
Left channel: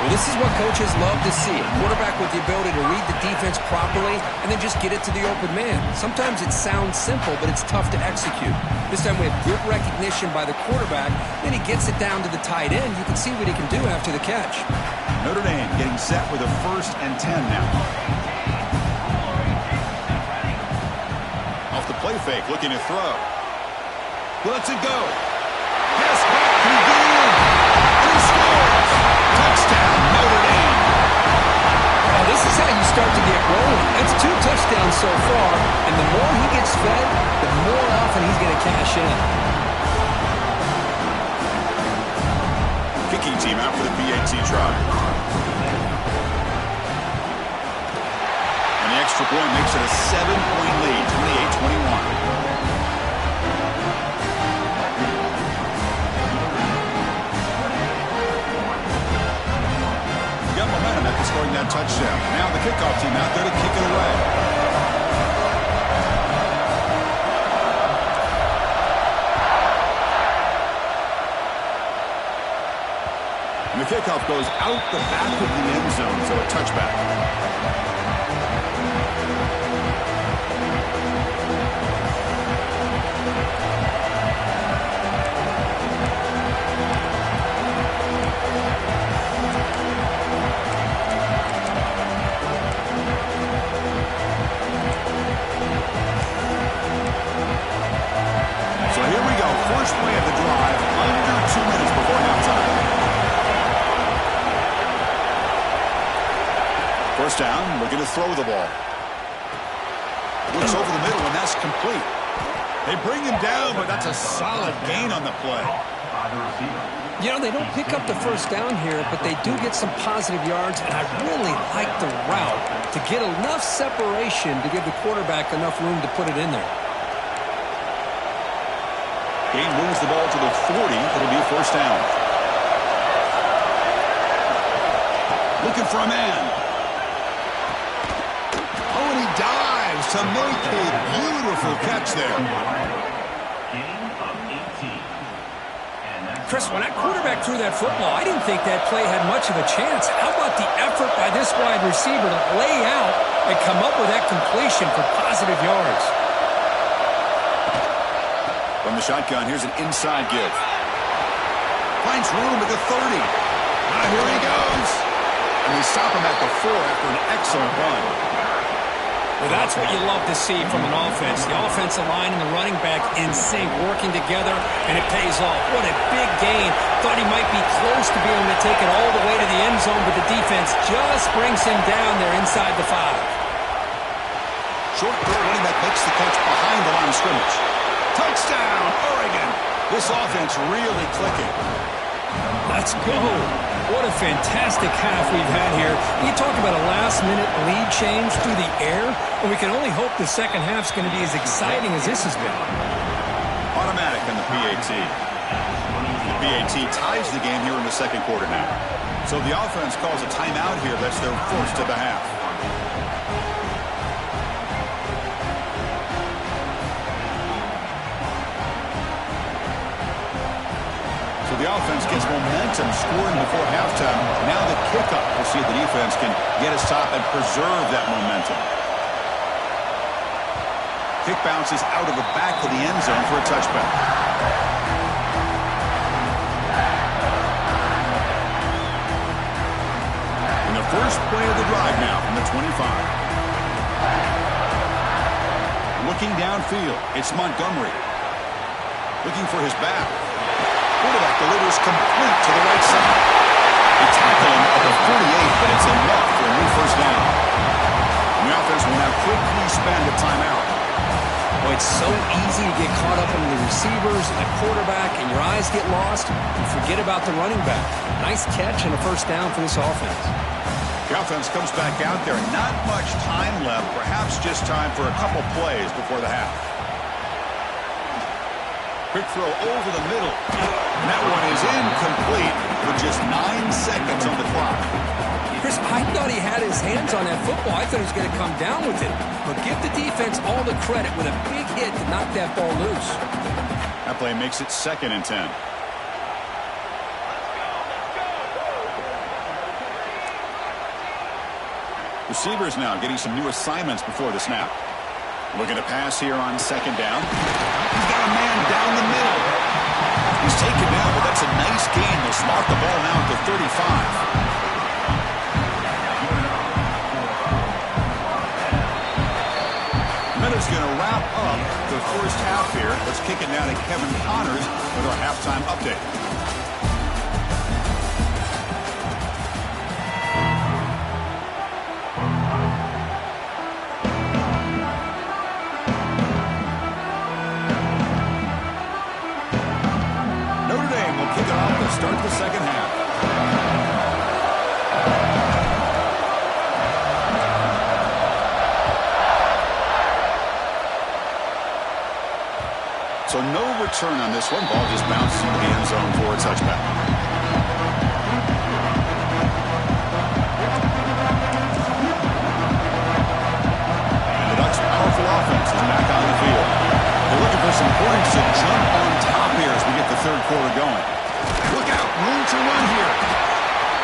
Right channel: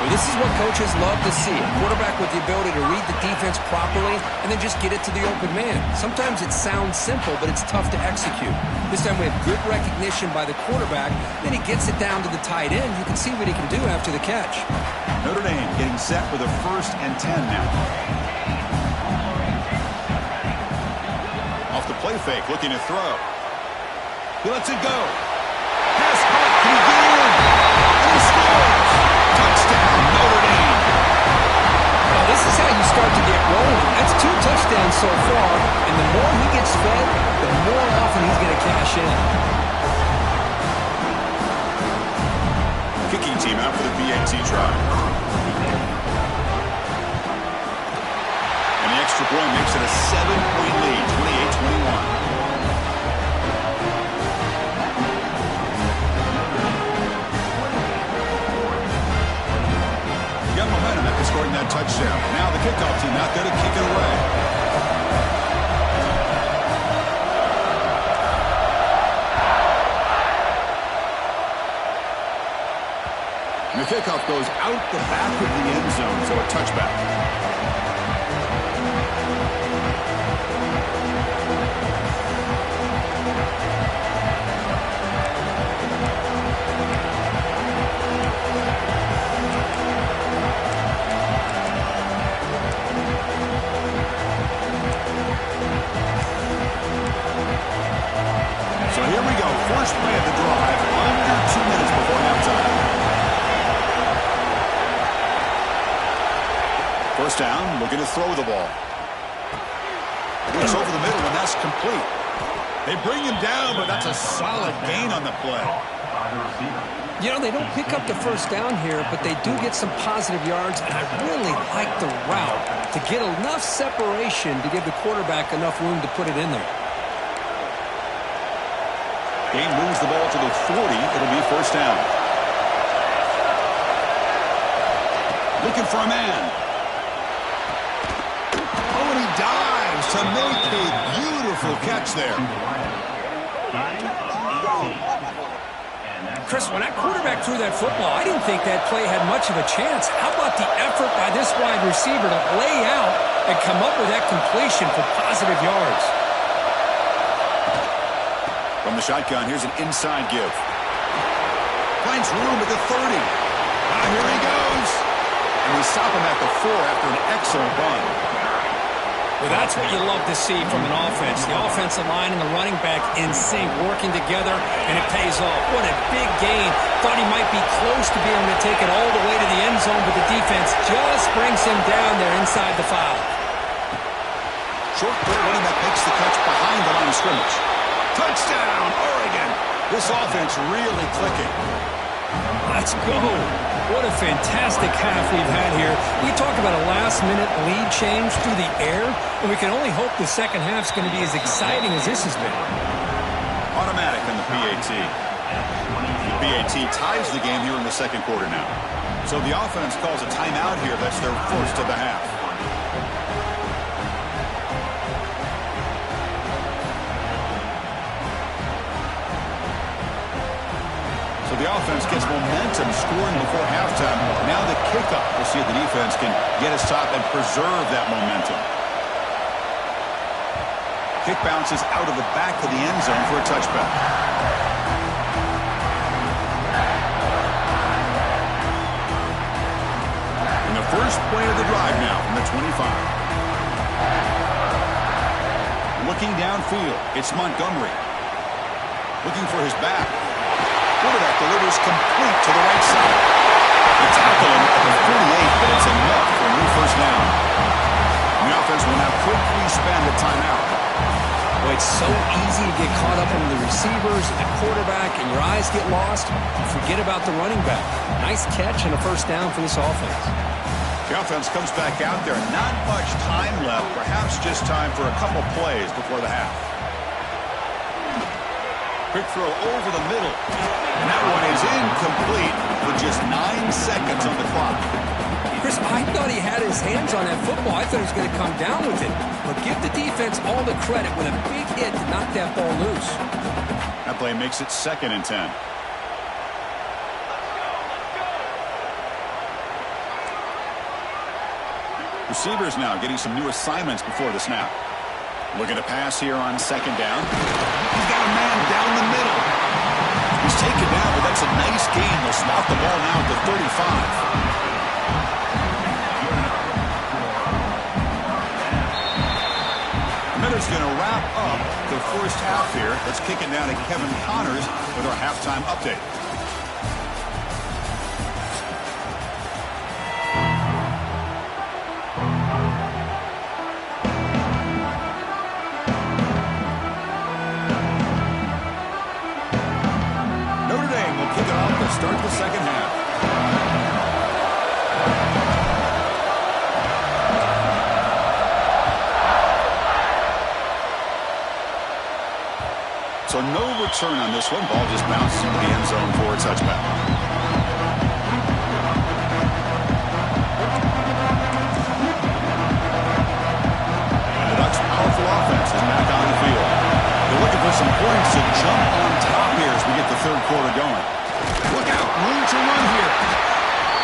Well, this is what coaches love to see. A quarterback with the ability to read the defense properly and then just get it to the open man. Sometimes it sounds simple, but it's tough to execute. This time we have good recognition by the quarterback. Then he gets it down to the tight end. You can see what he can do after the catch. Notre Dame getting set with a 1st and 10 now. Off the play fake, looking to throw. He lets it go. Pass caught. Can he get in? And he scores. Touchdown, Notre Dame. Well, this is how you start to get rolling. That's 2 touchdowns so far, and the more he gets fed, the more often he's going to cash in. Kicking team out for the PAT try. And the extra point makes it a 7-point lead, 28-21. Got momentum after scoring that touchdown. Now the kickoff team out there to kick it away. And the kickoff goes out the back of the end zone, so a touchback. So here we go. First play of the drive, under 2 minutes before halftime. First down, looking to throw the ball. Looks over the middle, and that's complete. They bring him down, but that's a solid gain on the play. You know, they don't pick up the first down here, but they do get some positive yards, and I really like the route to get enough separation to give the quarterback enough room to put it in there. Gain moves the ball to the 40. It'll be first down. Looking for a man. Oh, and he dives to make a beautiful catch there. Chris, when that quarterback threw that football, I didn't think that play had much of a chance. How about the effort by this wide receiver to lay out and come up with that completion for positive yards? From the shotgun, here's an inside give. Finds room at the 30. Now here he goes. And we stop him at the 4 after an excellent run. Well, that's what you love to see from an offense. The offensive line and the running back in sync, working together, and it pays off. What a big gain. Thought he might be close to being able to take it all the way to the end zone, but the defense just brings him down there inside the 5. Short throw, running back makes the catch behind the line of scrimmage. Touchdown, Oregon. This offense really clicking. Let's go. What a fantastic half we've had here. You talk about a last-minute lead change through the air, and we can only hope the second half's going to be as exciting as this has been. Automatic on the PAT. The PAT ties the game here in the second quarter now. So the offense calls a timeout here. That's their first of the half. So the The offense gets momentum scoring before halftime. Now the kickoff. We'll see if the defense can get a stop and preserve that momentum. Kick bounces out of the back of the end zone for a touchback. And the first play of the drive now from the 25. Looking downfield, it's Montgomery. Looking for his back. Quarterback delivers complete to the right side. They tackle him at the 48, but it's enough for a new first down. And the offense will now quickly spend a timeout. Boy, it's so easy to get caught up in the receivers and the quarterback, and your eyes get lost. You forget about the running back. Nice catch and a first down for this offense. The offense comes back out there. Not much time left. Perhaps just time for a couple plays before the half. Quick throw over the middle. And that one is incomplete with just 9 seconds on the clock. Chris, I thought he had his hands on that football. I thought he was going to come down with it. But give the defense all the credit with a big hit to knock that ball loose. That play makes it 2nd and 10. Receivers now getting some new assignments before the snap. Looking to pass here on 2nd down. He's got a man down the middle. He's taken down, but that's a nice gain. They'll spot the ball now at the 35. Miller's going to wrap up the first half here. Let's kick it now to Kevin Connors with our halftime update. Notre Dame will kick it off to start the second half. So no return on this one. Ball just bounces into the end zone for a touchback. And the Ducks' powerful offense is back on the field. They're looking for some points to jump on top here as we get the third quarter going. Look out, room to run here.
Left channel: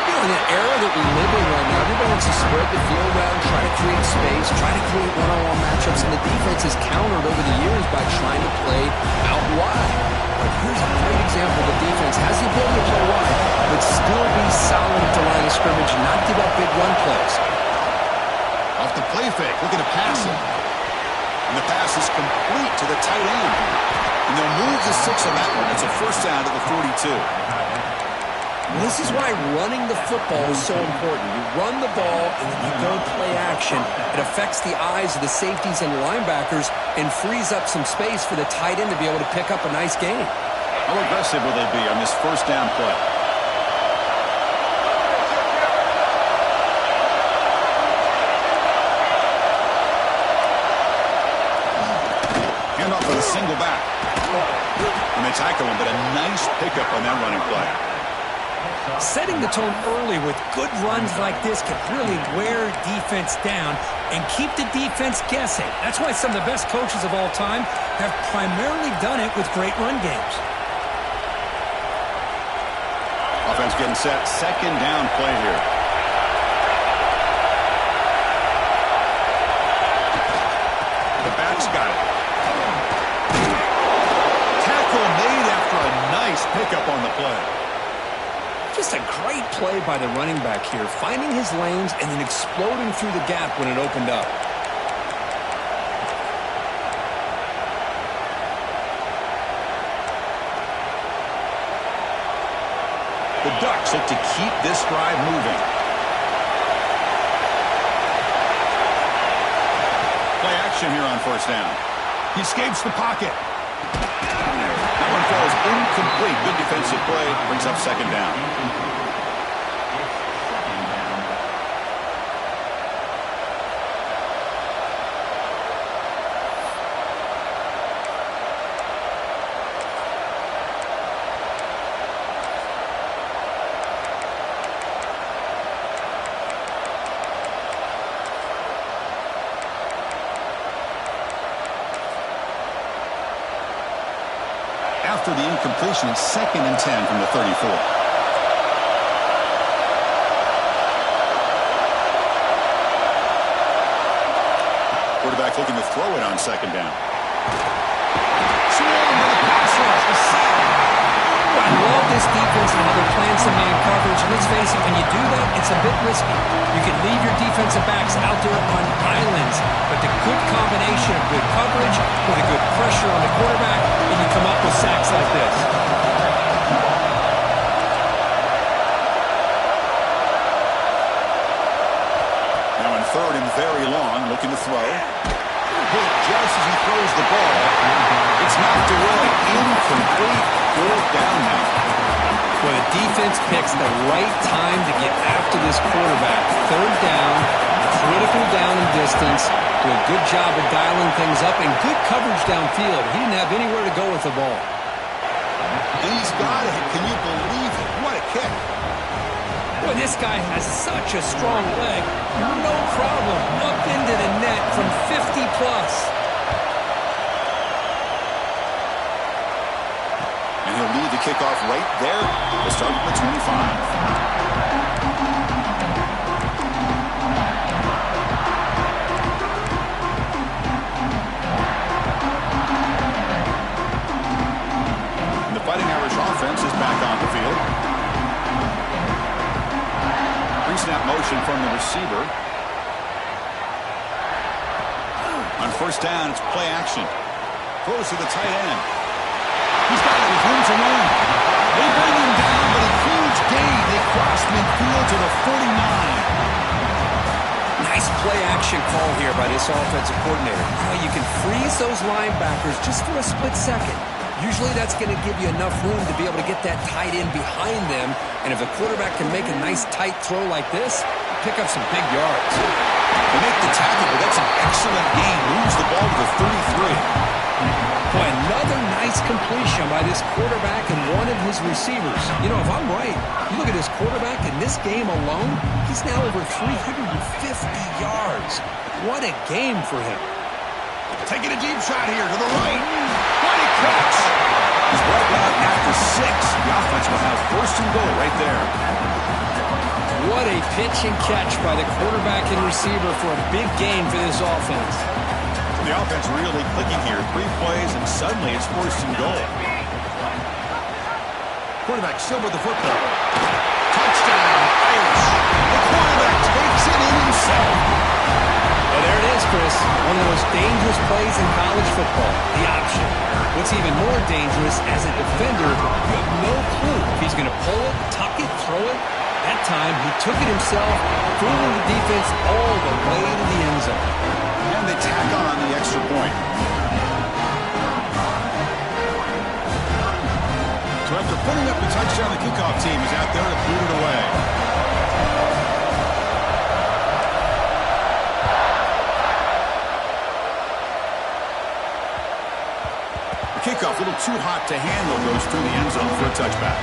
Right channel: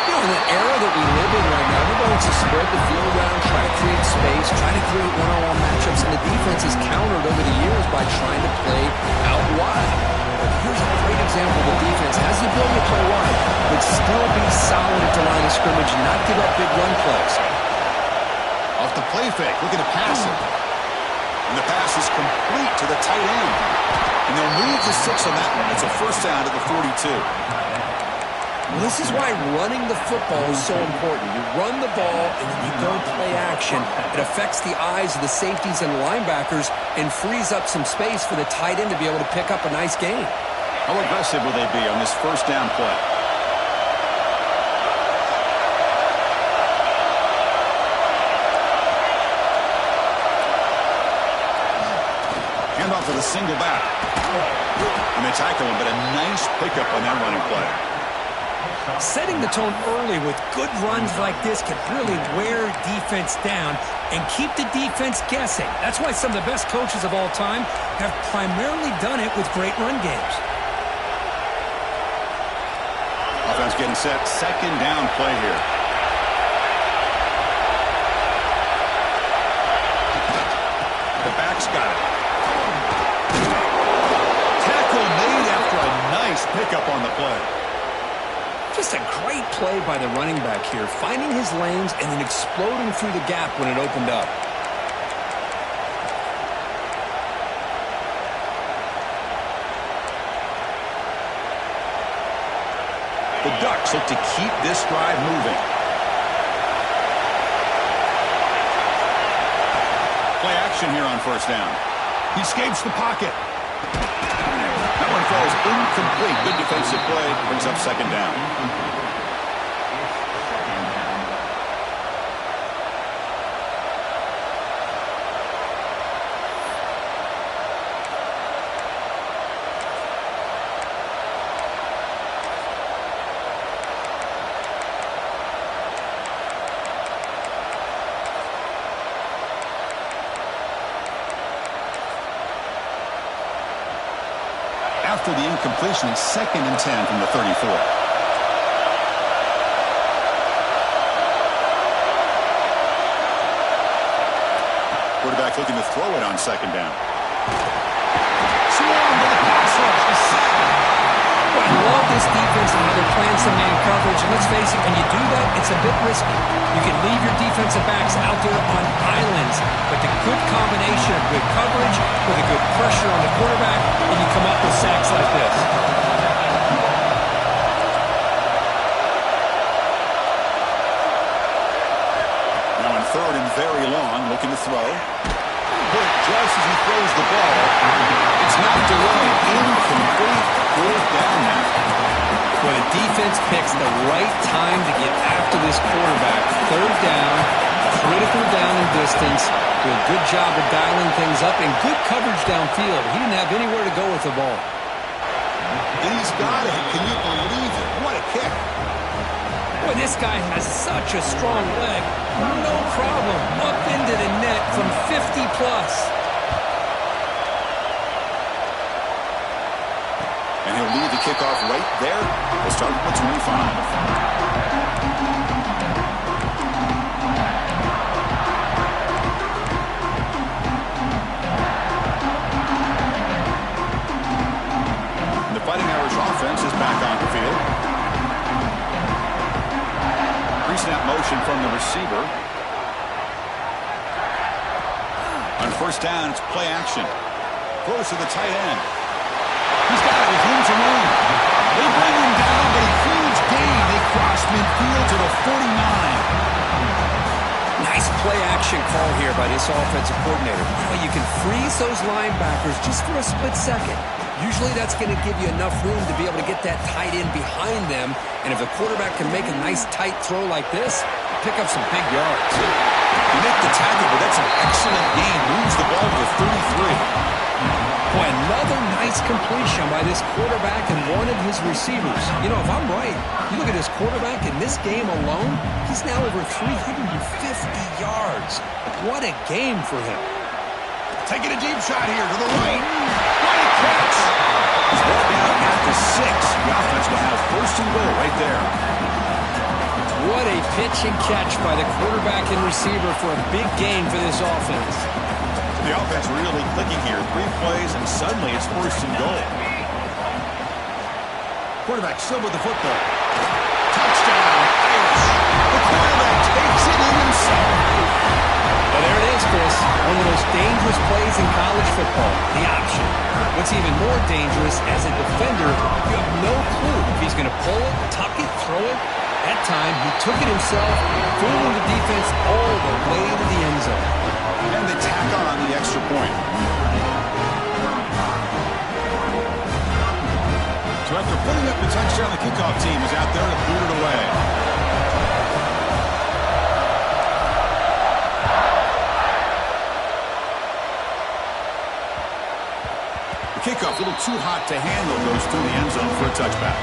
You know, in the era that we live in right now, everybody wants to spread the field around, try to create space, try to create one-on-one matchups, and the defense has countered over the years by trying to play out wide. But here's a great example. The defense has the ability to play wide, but still be solid at the line of scrimmage and not give up big run plays. Off the play fake, looking to pass it. And the pass is complete to the tight end. And they'll move the 6 on that one. It's a first down at the 42. Well, this is why running the football is so important. You run the ball, and then you go play action. It affects the eyes of the safeties and linebackers and frees up some space for the tight end to be able to pick up a nice gain. How aggressive will they be on this first down play? Handoff with a single back. And they tackle him, but a nice pickup on that running play. Setting the tone early with good runs like this can really wear defense down and keep the defense guessing. That's why some of the best coaches of all time have primarily done it with great run games. Offense getting set. Second down play here. The back's got it. Tackle made after a nice pickup on the play. Just a great play by the running back here, finding his lanes and then exploding through the gap when it opened up. The Ducks look to keep this drive moving. Play action here on first down. He escapes the pocket. That one falls incomplete. Good defensive play. Brings up second down. after the incompletion. It's 2nd and 10 from the 34. Quarterback looking to throw it on 2nd down. Swarmed by the pass rush. The sack. Well, I love this defense and how they're playing some man coverage. And let's face it, when you do that, it's a bit risky. You can leave your defensive backs out there on islands, but the good combination of good coverage with a good pressure on the quarterback, and you come up with sacks like this. Now in 3rd and very long, looking to throw. Put just as he throws the ball. It's knocked away. Incomplete. 4th down now. Well, the defense picks the right time to get after this quarterback. 3rd down, critical down and distance. Do a good job of dialing things up and good coverage downfield. He didn't have anywhere to go with the ball. And he's got it. Can you believe it? What a kick. Boy, this guy has such a strong leg. No problem. Up into the net from 50 plus. And he'll lead the kickoff right there. We'll start with the 25. And the Fighting Irish offense is back on the field. Pre-snap motion from the receiver. On 1st down, it's play action. Throws to the tight end. He's got it with room to run. They bring him down, but a huge gain. They cross midfield to the 49. Nice play-action call here by this offensive coordinator. You know, you can freeze those linebackers just for a split second. Usually that's going to give you enough room to be able to get that tight end behind them. And if the quarterback can make a nice tight throw like this, pick up some big yards. They make the tackle, but that's an excellent gain. Moves the ball to the 33. Boy, another nice completion by this quarterback and one of his receivers. You know, if I'm right, you look at this quarterback in this game alone, he's now over 350 yards. What a game for him. Taking a deep shot here to the right. What a catch. He's brought down after 6. The offense will have 1st and goal right there. What a pitch and catch by the quarterback and receiver for a big game for this offense. The offense really clicking here. 3 plays, and suddenly it's 1st and goal. Quarterback still with the football. Touchdown, Irish. The quarterback takes it in himself. Well, there it is, Chris. One of the most dangerous plays in college football, the option. What's even more dangerous, as a defender, you have no clue if he's going to pull it, tuck it, throw it. That time, he took it himself, fooling the defense all the way to the end zone. And they tack on the extra point. So after putting up the touchdown, the kickoff team is out there to boot it away. The kickoff, a little too hot to handle, goes through the end zone for a touchback.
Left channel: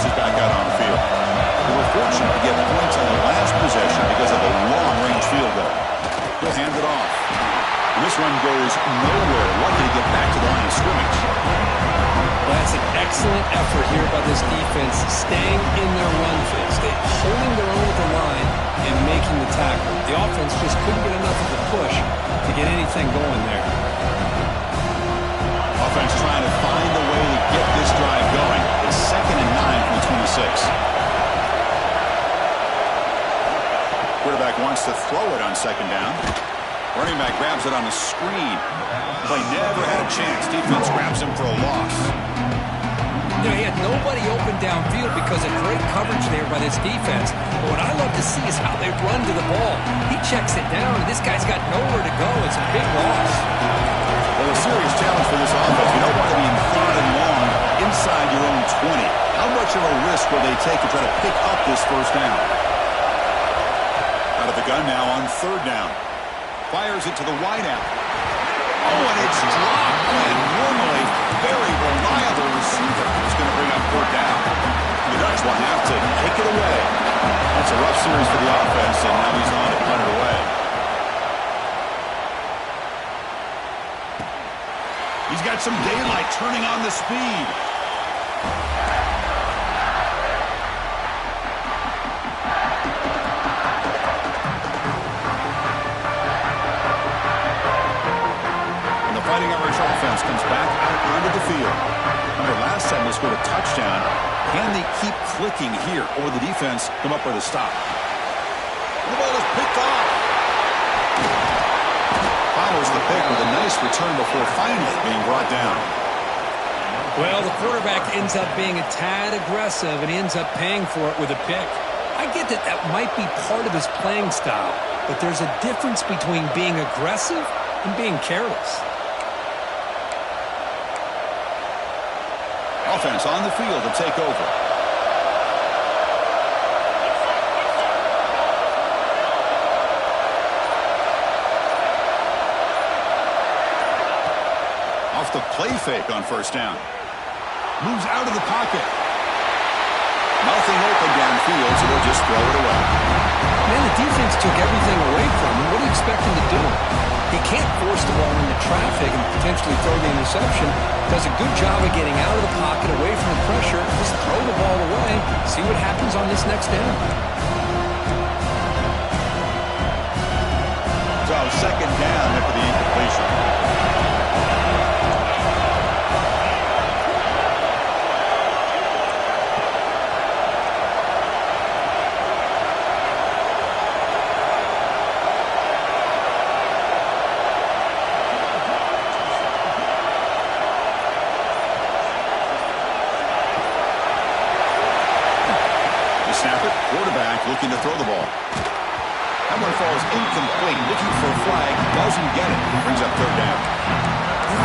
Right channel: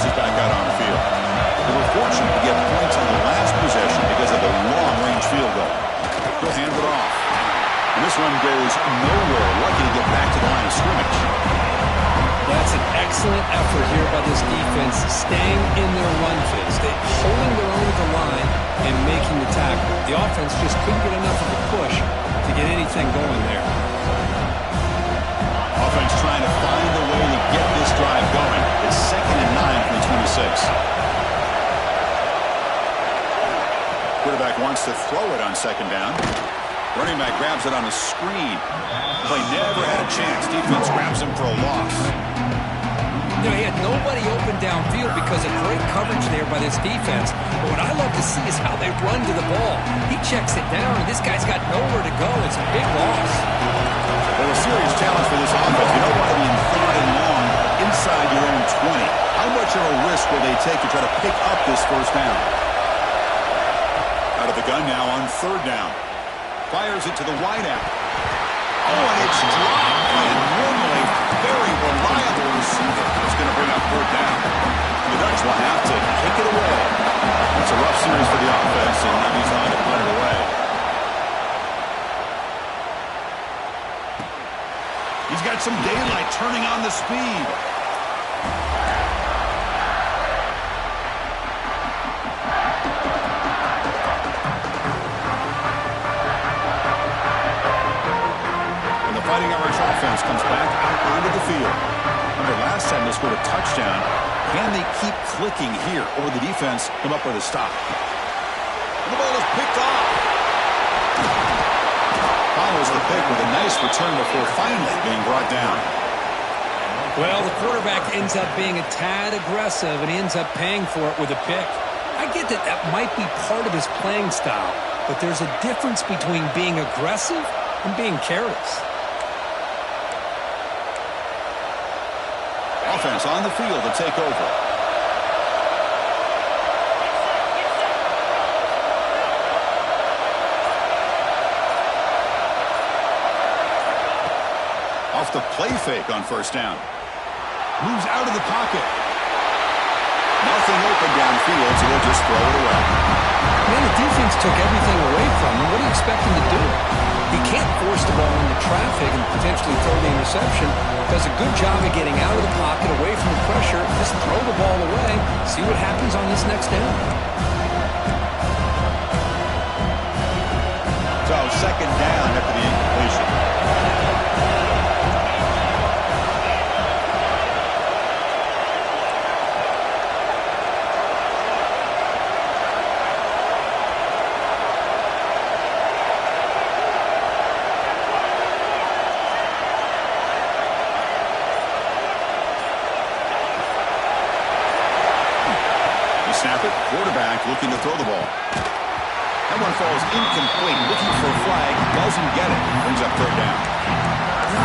Is back out on the field. They were fortunate to get points on the last possession because of a long-range field goal. He'll hand it off. And this run goes nowhere. Lucky to get back to the line of scrimmage. That's an excellent effort here by this defense, staying in their run phase. They're holding their own at the line and making the tackle. The offense just couldn't get enough of a push to get anything going there. Offense trying to find a way to get this drive going. It's 2nd and 9 from the 26. Quarterback wants to throw it on 2nd down. Running back grabs it on a screen. Play never had a chance. Defense grabs him for a loss. You know, he had nobody open downfield because of great coverage there by this defense. But what I love to see is how they run to the ball. He checks it down, and this guy's got nowhere to go. It's a big loss. Well, a serious challenge for this offense. You don't want to be in 3rd and long inside your own 20. How much of a risk will they take to try to pick up this 1st down? Out of the gun now on 3rd down. Fires it to the wideout. Oh, and it's dropped by a normally very reliable receiver. He's going to bring up fourth down. The Ducks will have to kick it away. That's a rough series for the offense, and now he's on to punt it away. He's got some daylight turning on the speed. And the Fighting Irish offense comes back out onto the field. Remember, last time they scored a touchdown. Can they keep clicking here, or will the defense come up with a stop? And the ball is picked off. Follows the pick with a nice return before finally being brought down. Well, the quarterback ends up being a tad aggressive, and he ends up paying for it with a pick. I get that that might be part of his playing style, but there's a difference between being aggressive and being careless. Offense on the field to take over. Off the play fake on first down. Moves out of the pocket. Nothing open downfield, so they'll just throw it away. Man, the defense took everything away from him. What do you expect him to do? He can't force the ball into traffic and potentially throw the interception. Does a good job of getting out of the pocket, away from the pressure. Just throw the ball away. See what happens on this next down. So second down after the incompletion. Snap it. Quarterback looking to throw the ball. That one falls incomplete. Looking for a flag. Doesn't get it. Brings up third down.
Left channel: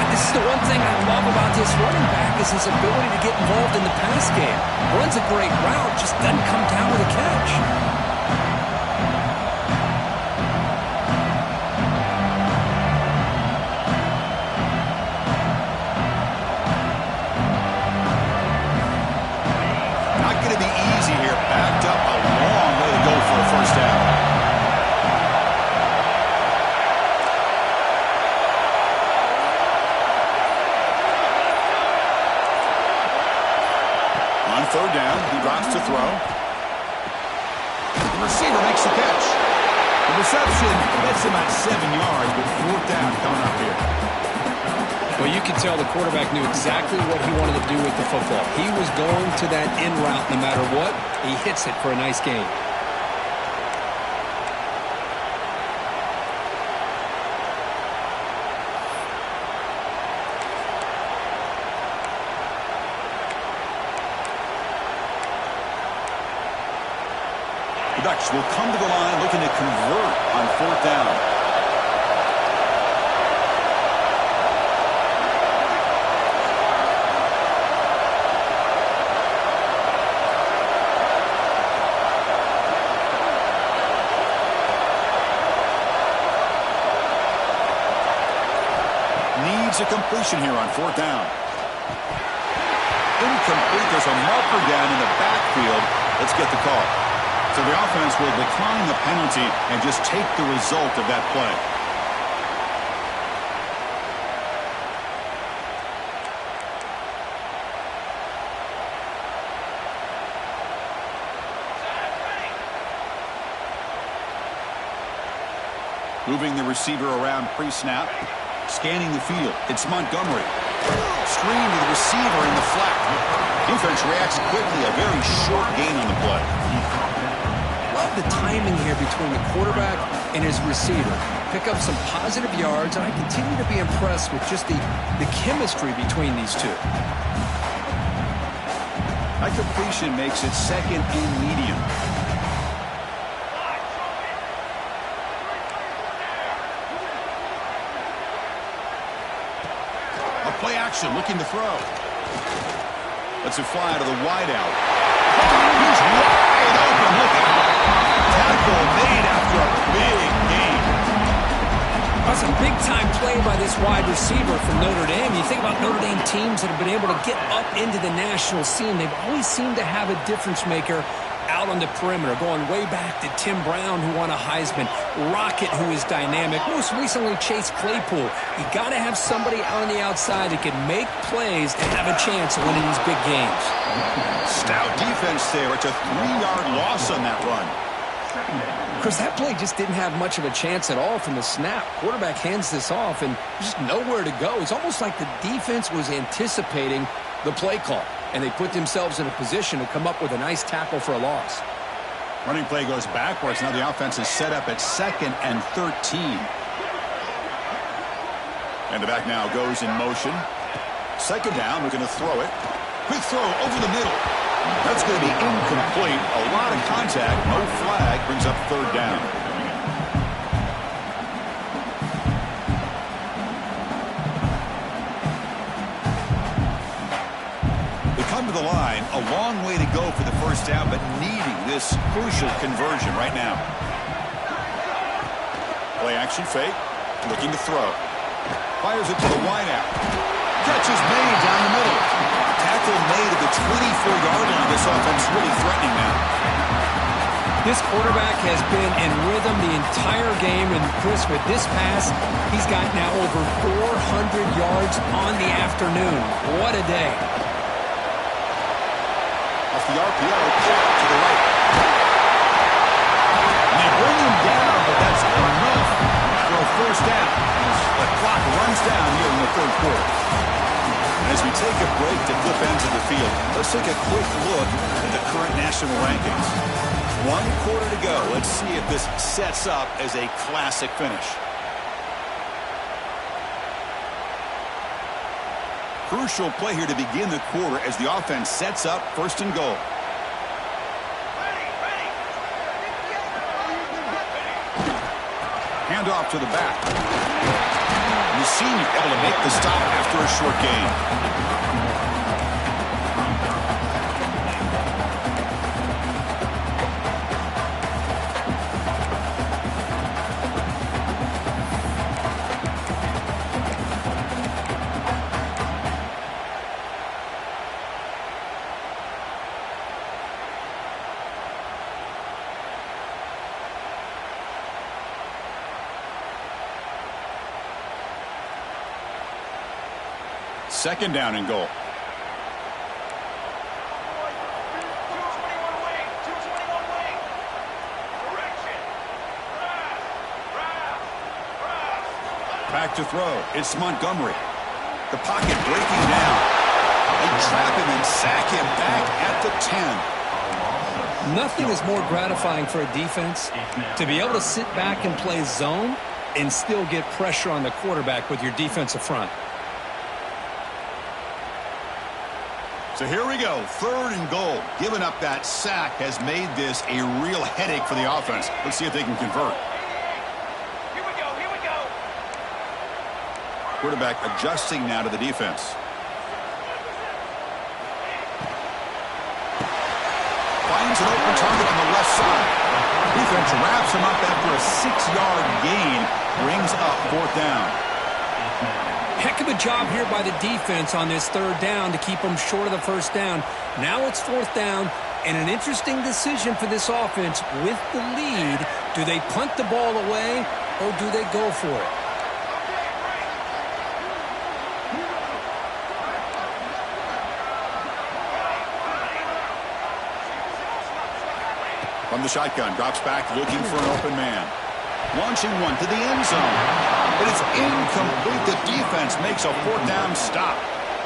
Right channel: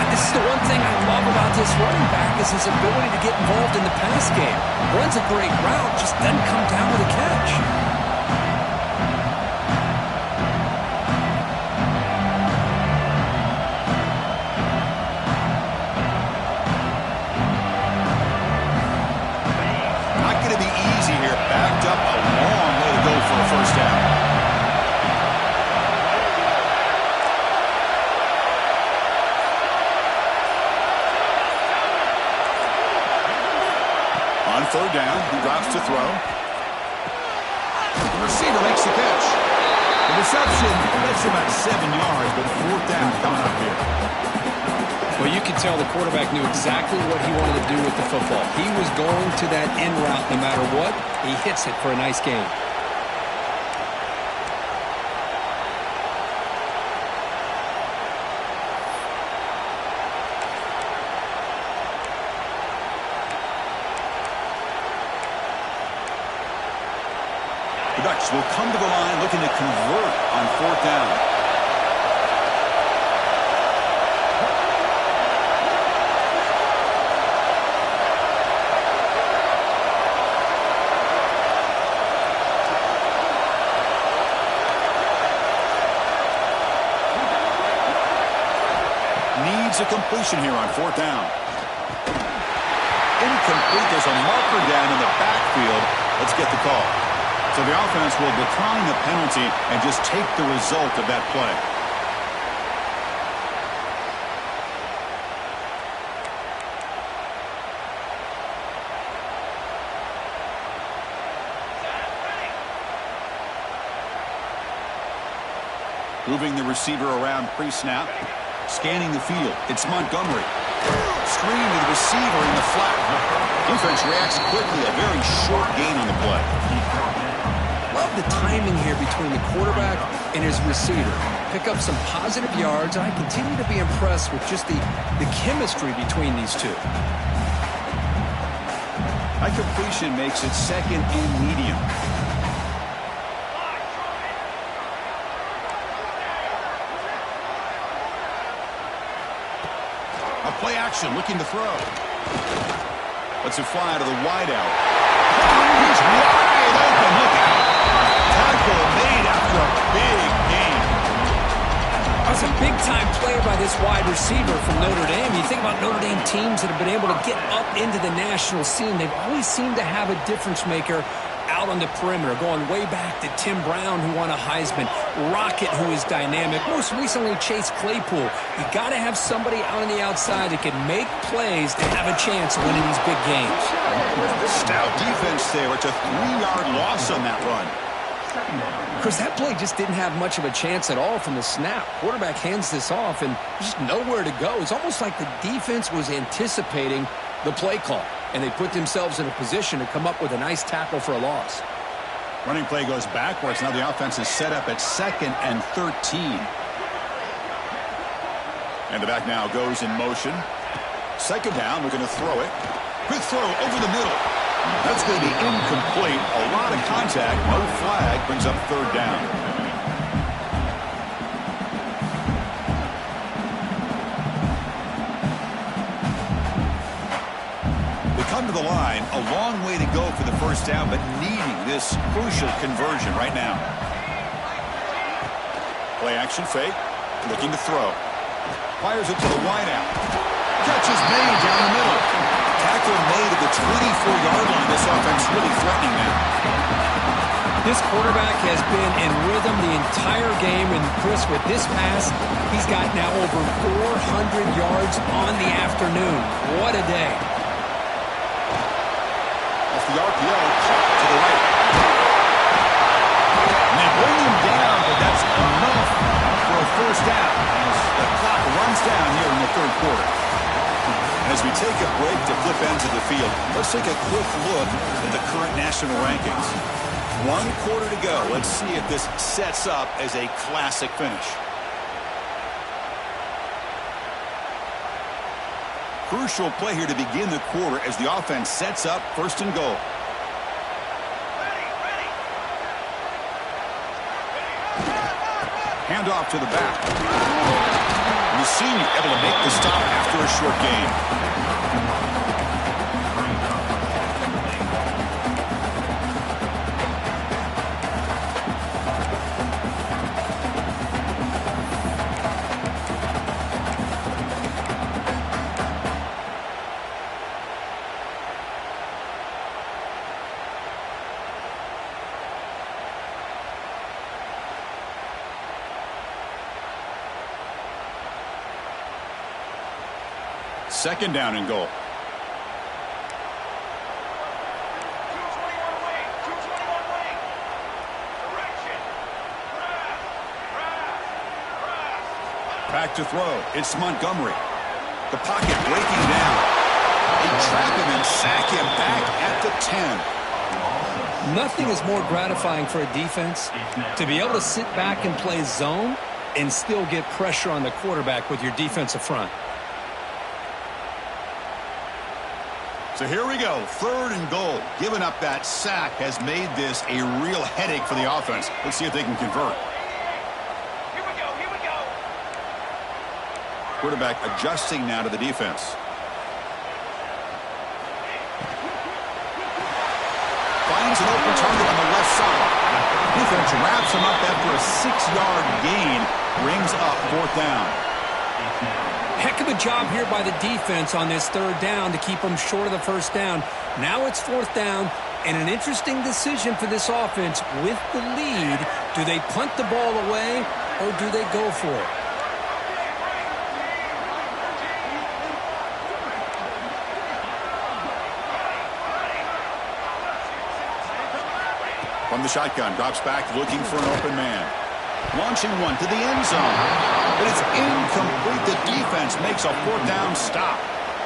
This is the one thing I love about this running back is his ability to get involved in the pass game. Runs a great route. Just doesn't come down with a catch. Backed up a long way to go for a first down. On third down, he drops to throw. The receiver makes the catch. The reception lets him at 7 yards, but fourth down coming up here. Well, you can tell the quarterback knew exactly what he wanted to do with the football. He was going to that end route no matter what. He hits it for a nice gain. The Ducks will come to the line looking to convert on fourth down. Needs a completion here on fourth down. Incomplete. There's a marker down in the backfield. Let's get the call. So the offense will decline the penalty and just take the result of that play. Moving the receiver around pre-snap. Scanning the field. It's Montgomery. Screen to the receiver in the flat. Defense reacts quickly. A very short gain on the play. Love the timing here between the quarterback and his receiver. Pick up some positive yards, and I continue to be impressed with just the chemistry between these two. That completion makes it second and medium. Play action, looking to throw. Lets it fly to the wideout. He's wide open, look out. Tackle made after a big gain. That's a big-time play by this wide receiver from Notre Dame. You think about Notre Dame teams that have been able to get up into the national scene. They've always seemed to have a difference maker out on the perimeter, going way back to Tim Brown, who won a Heisman, Rocket, who is dynamic, most recently Chase Claypool. You got to have somebody out on the outside that can make plays to have a chance of winning these big games. Stout defense there. It's a 3-yard loss on that run. Chris, that play just didn't have much of a chance at all from the snap. Quarterback hands this off and just nowhere to go. It's almost like the defense was anticipating the play call, and they put themselves in a position to come up with a nice tackle for a loss. Running play goes backwards. Now the offense is set up at 2nd and 13. And the back now goes in motion. 2nd down, we're going to throw it. Quick throw over the middle. That's going to be incomplete. A lot of contact. No flag. Brings up 3rd down. They come to the line. A long way to go for the 1st down, but needing this crucial conversion right now. Play action fake. Looking to throw. Fires it to the wideout. Catch is made down the middle. Tackle made at the 24-yard line. This offense really threatening now. This quarterback has been in rhythm the entire game, and Chris, with this pass, he's got now over 400 yards on the afternoon. What a day. Off the RPO, caught to the right. And they bring him down, but that's enough for a 1st down as the clock runs down here in the 3rd quarter. As we take a break to flip ends of the field, let's take a quick look at the current national rankings. 1 quarter to go. Let's see if this sets up as a classic finish. Crucial play here to begin the quarter as the offense sets up 1st and goal. Hand off to the back. And the senior able to make the stop after a short gain. Second down and goal. Back to throw. It's Montgomery. The pocket breaking down. They trap him and sack him back at the 10. Nothing is more gratifying for a defense to be able to sit back and play zone and still get pressure on the quarterback with your defensive front. So here we go, 3rd and goal. Giving up that sack has made this a real headache for the offense. Let's see if they can convert. Here we go. Quarterback adjusting now to the defense. Finds an open target on the left side. Defense wraps him up after a 6-yard gain. Brings up 4th down. Heck of a job here by the defense on this 3rd down to keep them short of the 1st down. Now it's 4th down, and an interesting decision for this offense with the lead. Do they punt the ball away, or do they go for it? From the shotgun, drops back looking for an open man. Launching one to the end zone. But it's incomplete. The defense makes a 4th down stop.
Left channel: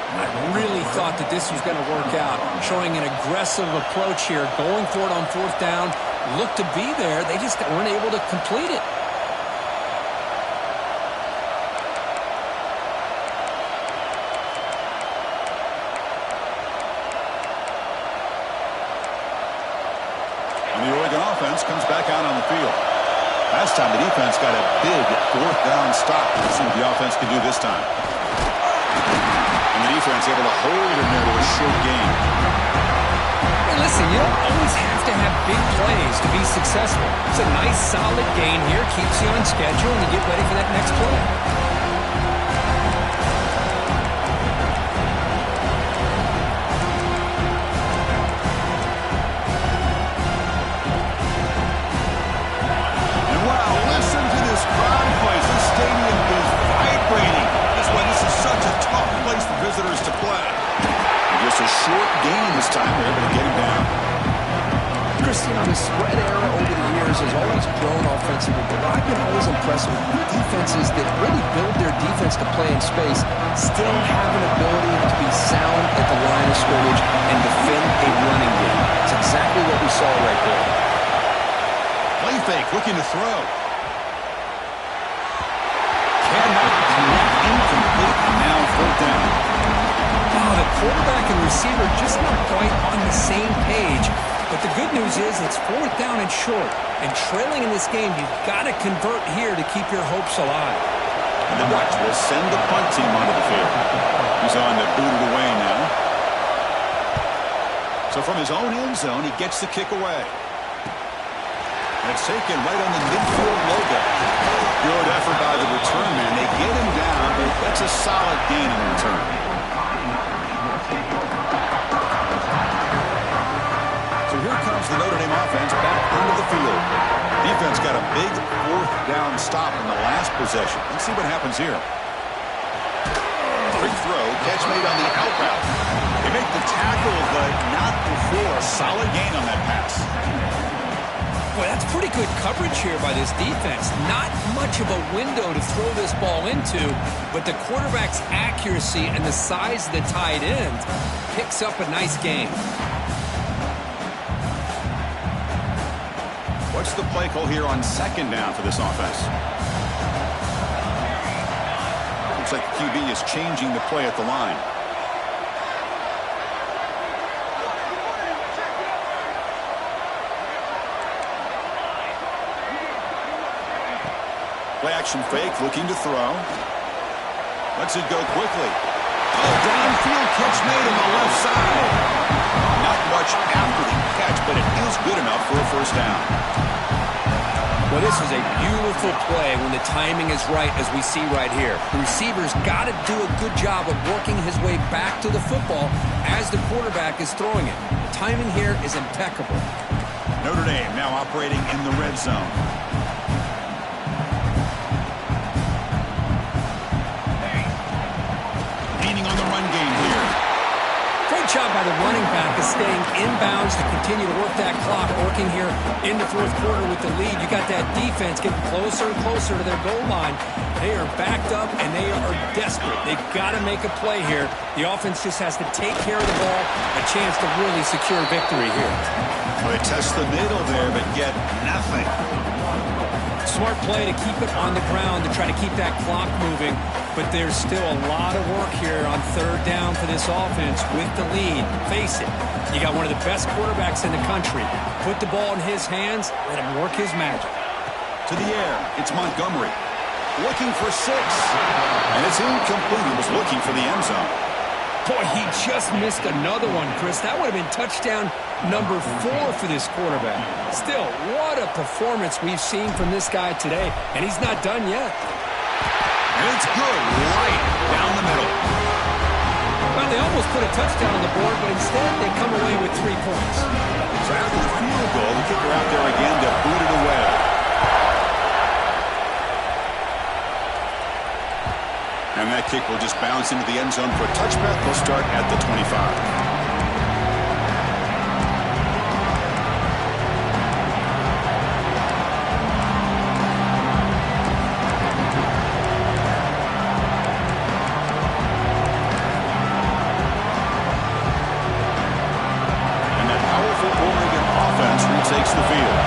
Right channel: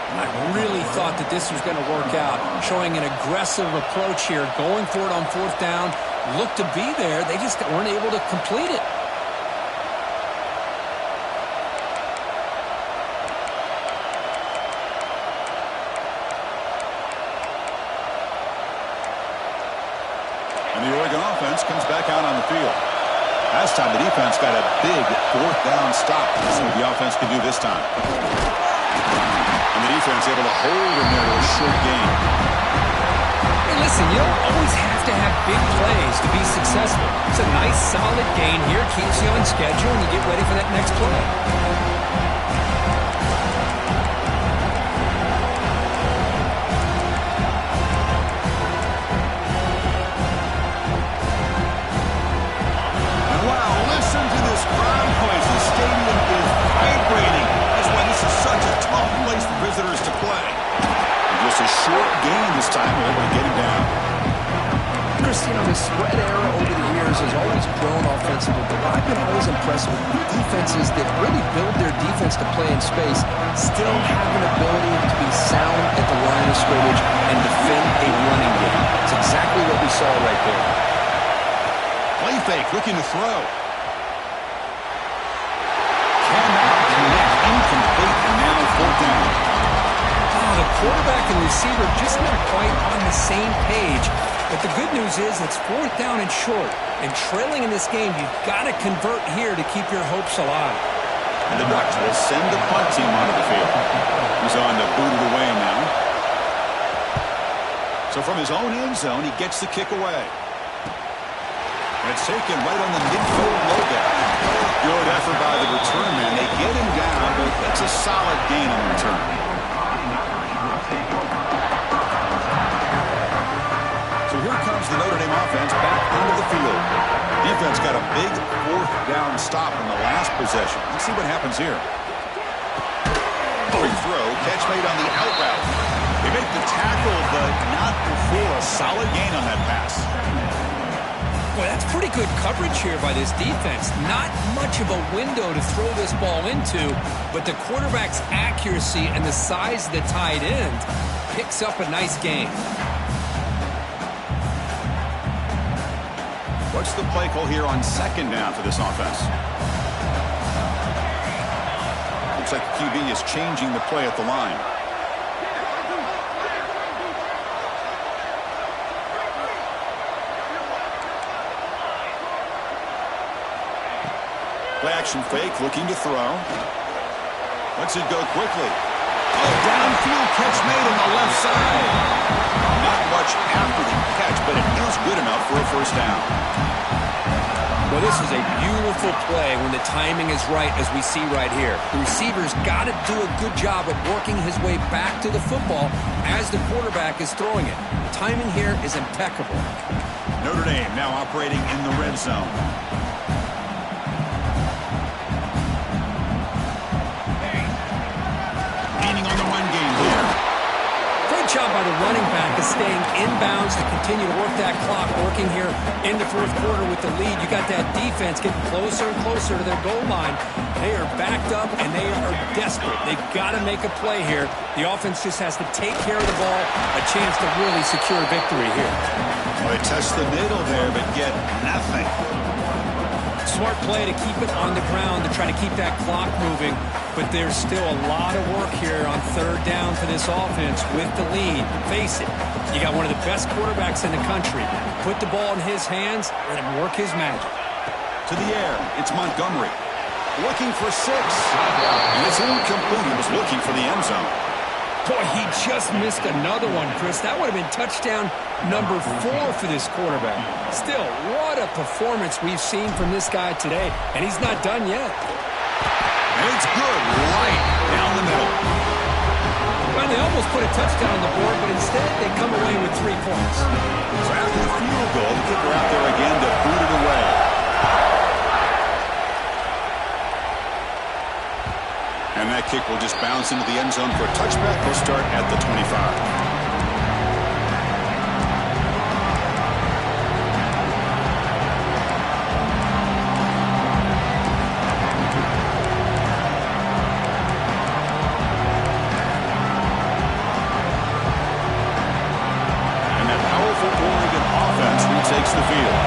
I really thought that this was going to work out. Showing an aggressive approach here. Going for it on 4th down. Looked to be there. They just weren't able to complete it. And the Oregon offense comes back out on the field. Last time the defense got a big 4th down stop. Let's see what the offense can do this time. And the defense able to hold him there to a short gain. Hey, listen, you don't always have to have big plays to be successful. It's a nice, solid gain here, keeps you on schedule, and you get ready for that next play. And wow, listen to this crowd noise. The stadium is vibrating. That's why this is such a tough place for visitors to play. Just a short gain this time. We're able to get him down. Chris, you know, the spread era over the years has always grown offensively, but I've been always impressed with defenses that really build their defense to play in space, still have an ability to be sound at the line of scrimmage and defend a running game. It's exactly what we saw right there. Play fake, looking to throw. Cannot connect, incomplete, and now fourth down. Oh, the quarterback and receiver just not quite on the same page. But the good news is it's fourth down and short. And trailing in this game, you've got to convert here to keep your hopes alive. And the Ducks will send the punt team onto the field. He's on to boot it away now. So from his own end zone, he gets the kick away. And it's taken right on the midfield logo. Good effort by the return man. They get him down, but that's a solid gain on the return. So here comes the Notre Dame offense back onto the field. Defense got a big fourth down stop in the last possession. Let's see what happens here. Quick throw, catch made on the out route. They make the tackle, but not before a solid gain on that pass. Boy, that's pretty good coverage here by this defense. Not much of a window to throw this ball into, but the quarterback's accuracy and the size of the tight end picks up a nice gain. What's the play call here on second down for this offense? Looks like the QB is changing the play at the line. Play action fake, looking to throw. Lets it go quickly. Oh, downfield catch made on the left side. Not much after the catch, but it is good enough for a first down. Well, this is a beautiful play when the timing is right, as we see right here. The receiver's got to do a good job of working his way back to the football as the quarterback is throwing it. The timing here is impeccable. Notre Dame now operating in the red zone. On the run game here. Great job by the running back of staying inbounds to continue to work that clock, working here into fourth quarter with the lead. You got that defense getting closer and closer to their goal line. They are backed up and they are desperate. They've got to make a play here. The offense just has to take care of the ball, a chance to really secure victory here. Well, they test the middle there, but get nothing. Smart play to keep it on the ground to try to keep that clock moving. But there's still a lot of work here on third down for this offense with the lead. Face it, you got one of the best quarterbacks in the country. Put the ball in his hands, let him work his magic. To the air, it's Montgomery. Looking for 6. And it's incomplete. He was looking for the end zone. Boy, he just missed another one, Chris. That would have been touchdown number 4 for this quarterback. Still, what a performance we've seen from this guy today. And he's not done yet. And it's good right down the middle. Well, they almost put a touchdown on the board, but instead they come away with 3 points. So after the field goal, the kicker out there again to boot it away. And that kick will just bounce into the end zone for a touchback. They'll start at the 25. Takes the field.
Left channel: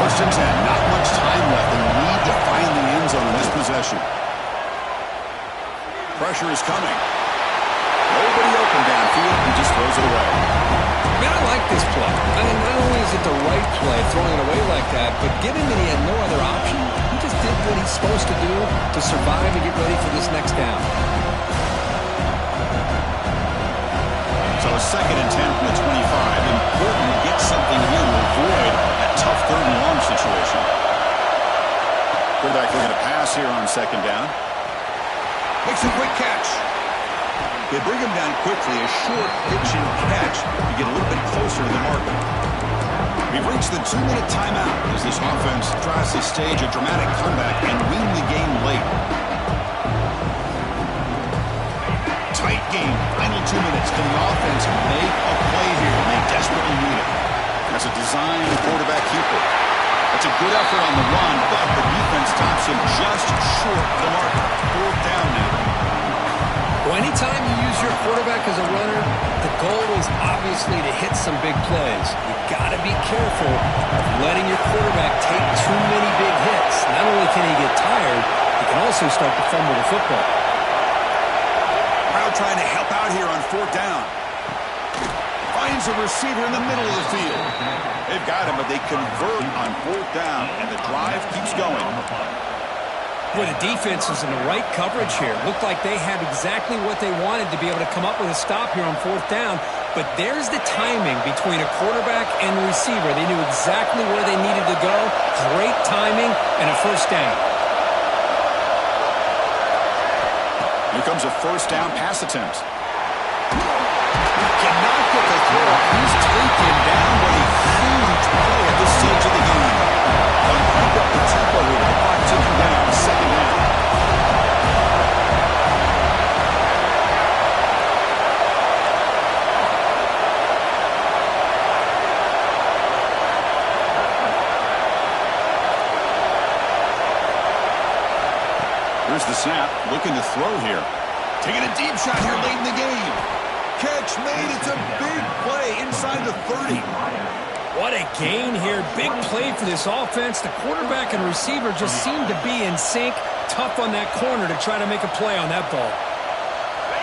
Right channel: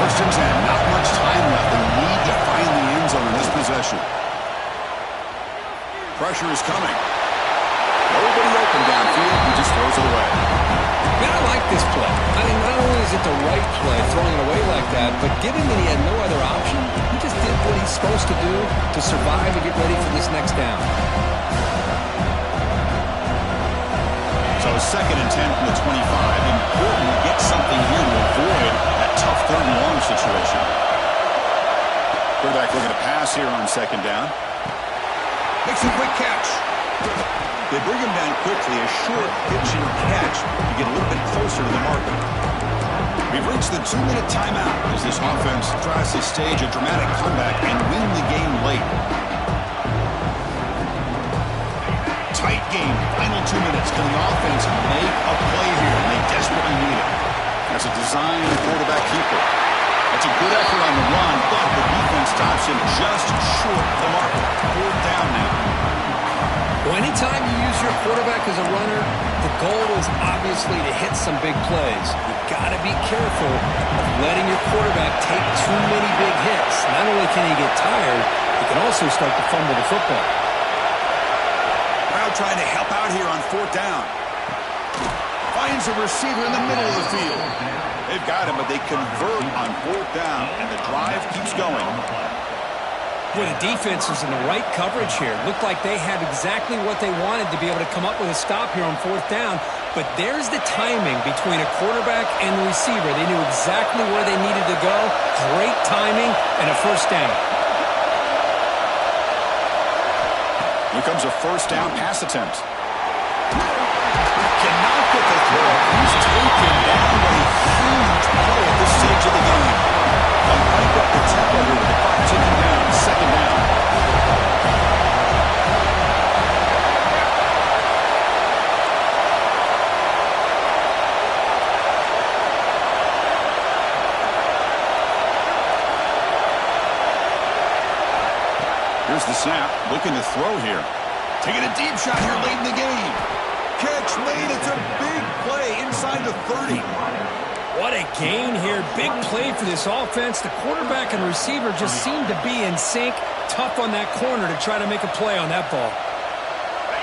First and 10. Not much time left. They need to find the end zone in this possession. Pressure is coming. Nobody open downfield. He just throws it away. Man, I like this play. I mean, not only is it the right play, throwing it away like that, but given that he had no other option, he just did what he's supposed to do to survive and get ready for this next down. So 2nd and 10 from the 25. Important to get something here to avoid that tough 3rd and long situation. Quarterback looking to pass here on 2nd down. Makes a quick catch. They bring him down quickly, a short pitch and catch to get a little bit closer to the marker. We've reached the 2-minute timeout as this offense tries to stage a dramatic comeback and win the game late. Tight game, final 2 minutes. Can the offense make a play here? They desperately need it. That's a design quarterback keeper. That's a good effort on the run, but the defense stops him just short of the marker. 4th down now. Well, anytime you use your quarterback as a runner, the goal is obviously to hit some big plays. You've got to be careful of letting your quarterback take too many big hits. Not only can he get tired, he can also start to fumble the football. Crowd trying to help out here on 4th down. Finds a receiver in the middle of the field. They've got him, but they convert on 4th down, and the drive keeps going. Boy, the defense is in the right coverage here. Looked like they had exactly what they wanted to be able to come up with a stop here on 4th down. But there's the timing between a quarterback and the receiver. They knew exactly where they needed to go. Great timing and a 1st down. Here comes a 1st down pass attempt. Cannot get the throw. He's taken down with a huge play at this stage of the game. They'll crank up the tempo here with the clock ticking down. 2nd down. Here's the snap. Looking to throw here. Taking a deep shot here late in the game. Catch made. It's a big play inside the 30. What a gain here. Big play for this offense. The quarterback and receiver just seem to be in sync. Tough on that corner to try to make a play on that ball.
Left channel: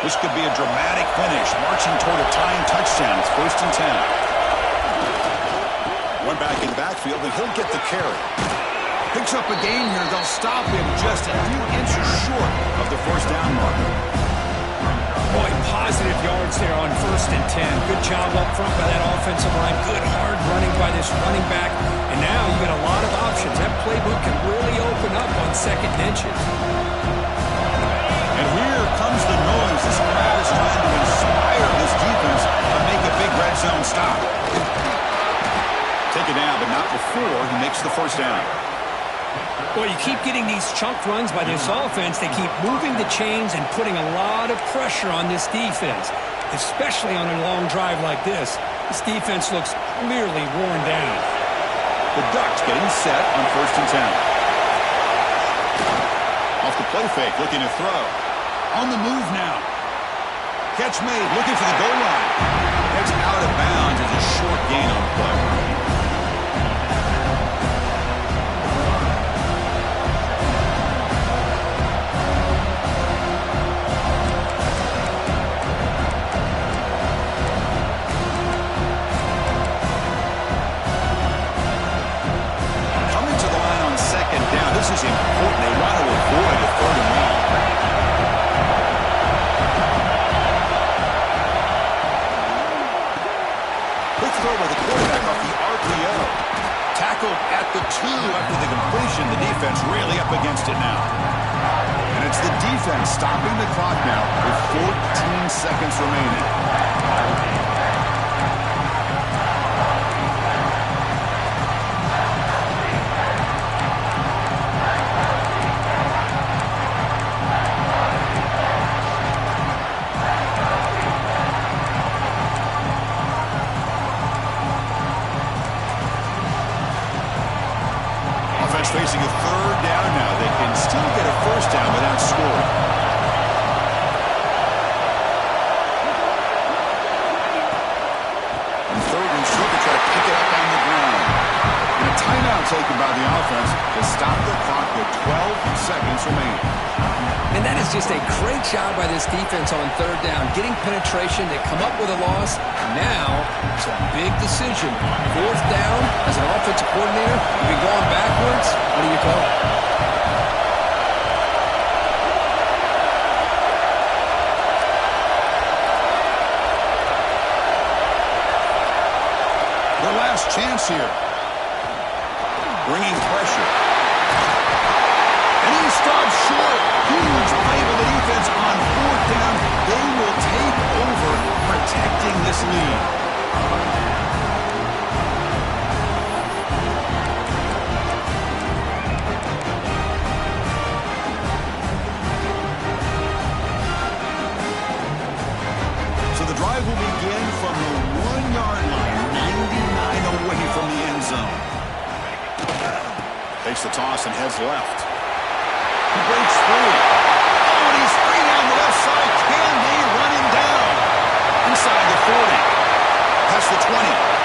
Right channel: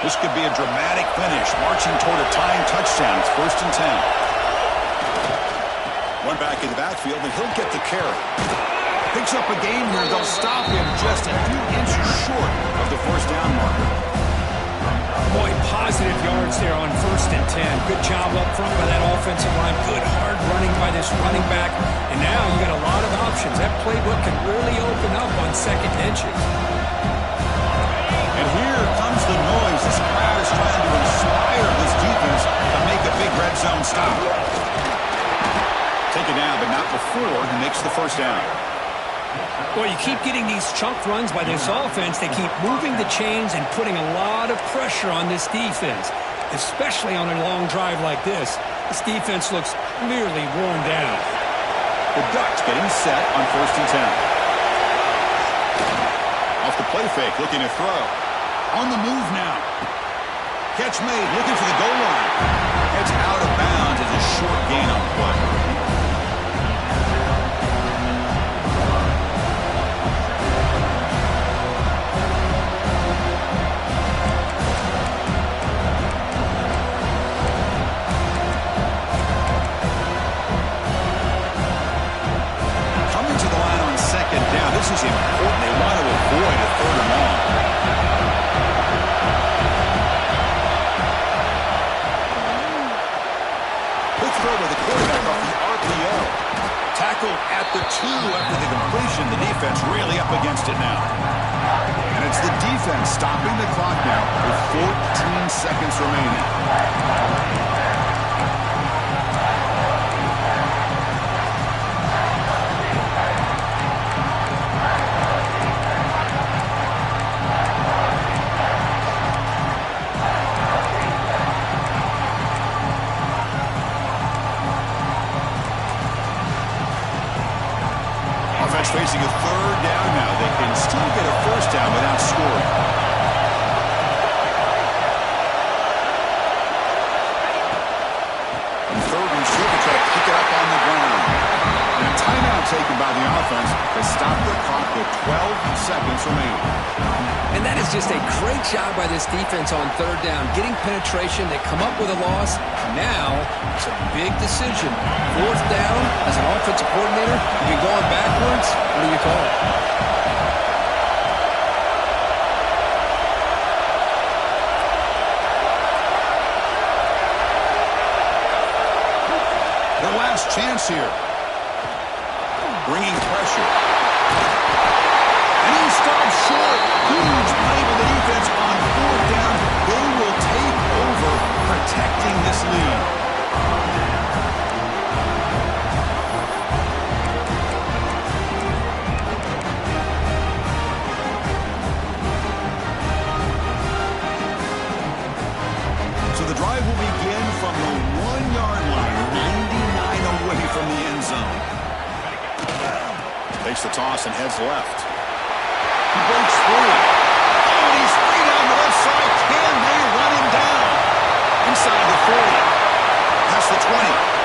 This could be a dramatic finish. Marching toward a tying touchdown. It's 1st and 10. One back in the backfield, and he'll get the carry. Picks up a gain here. They'll stop him just a few inches short of the 1st down marker. Boy, positive yards there on 1st and 10. Good job up front by that offensive line. Good hard running by this running back. And now you got a lot of options. That playbook can really open up on 2nd and inches. And here comes the noise. This crowd is trying to inspire this defense to make a big red zone stop. Take it down, but not before he makes the 1st down. Well, you keep getting these chunk runs by this offense. They keep moving the chains and putting a lot of pressure on this defense, especially on a long drive like this. This defense looks clearly worn down. The Ducks getting set on 1st and 10. Off the play fake, looking to throw. On the move now. Catch made, looking for the goal line. Heads out of bounds. It's a short gain on the play. Down. This is important. They want to avoid a 3rd and long. Quick throw by the quarterback off the RPO. Tackled at the 2 after the completion. The defense really up against it now. And it's the defense stopping the clock now with 14 seconds remaining. Facing a 3rd down now. They can still get a 1st down without scoring. On 3rd and short, they try to pick it up on the ground. And a timeout taken by the offense to stop the clock with 12 seconds remaining. And that is just a great job by this defense on 3rd down. Getting penetration, they come up with a loss. Now, it's a big decision. 4th down, as an offensive coordinator, you've been going backwards. What do you call it? chance here. Bringing pressure. And he stops short. Huge play by the defense on 4th down. They will take over protecting this lead. So the drive will begin from the 1-yard line, 99 away from the end zone. Takes the toss and heads left. He breaks free. Oh, and he's free down the left side. Can they run him down? Inside the 40. Past the 20.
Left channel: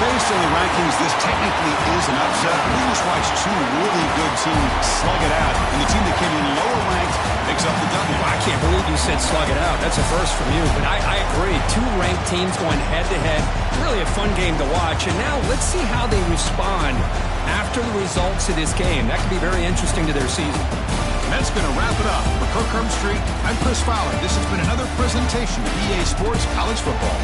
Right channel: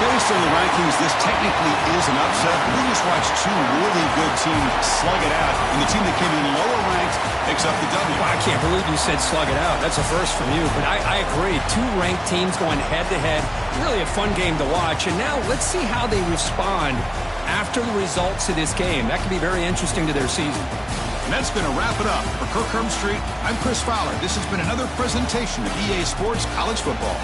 Based on the rankings, this technically is an upset. We just watched two really good teams slug it out, and the team that came in lower ranked picks up the W. Well, I can't believe you said slug it out. That's a first from you, but I agree. Two ranked teams going head-to-head. Really a fun game to watch, and now let's see how they respond after the results of this game. That could be very interesting to their season. And that's going to wrap it up. For Kirk Street, I'm Chris Fowler. This has been another presentation of EA Sports College Football.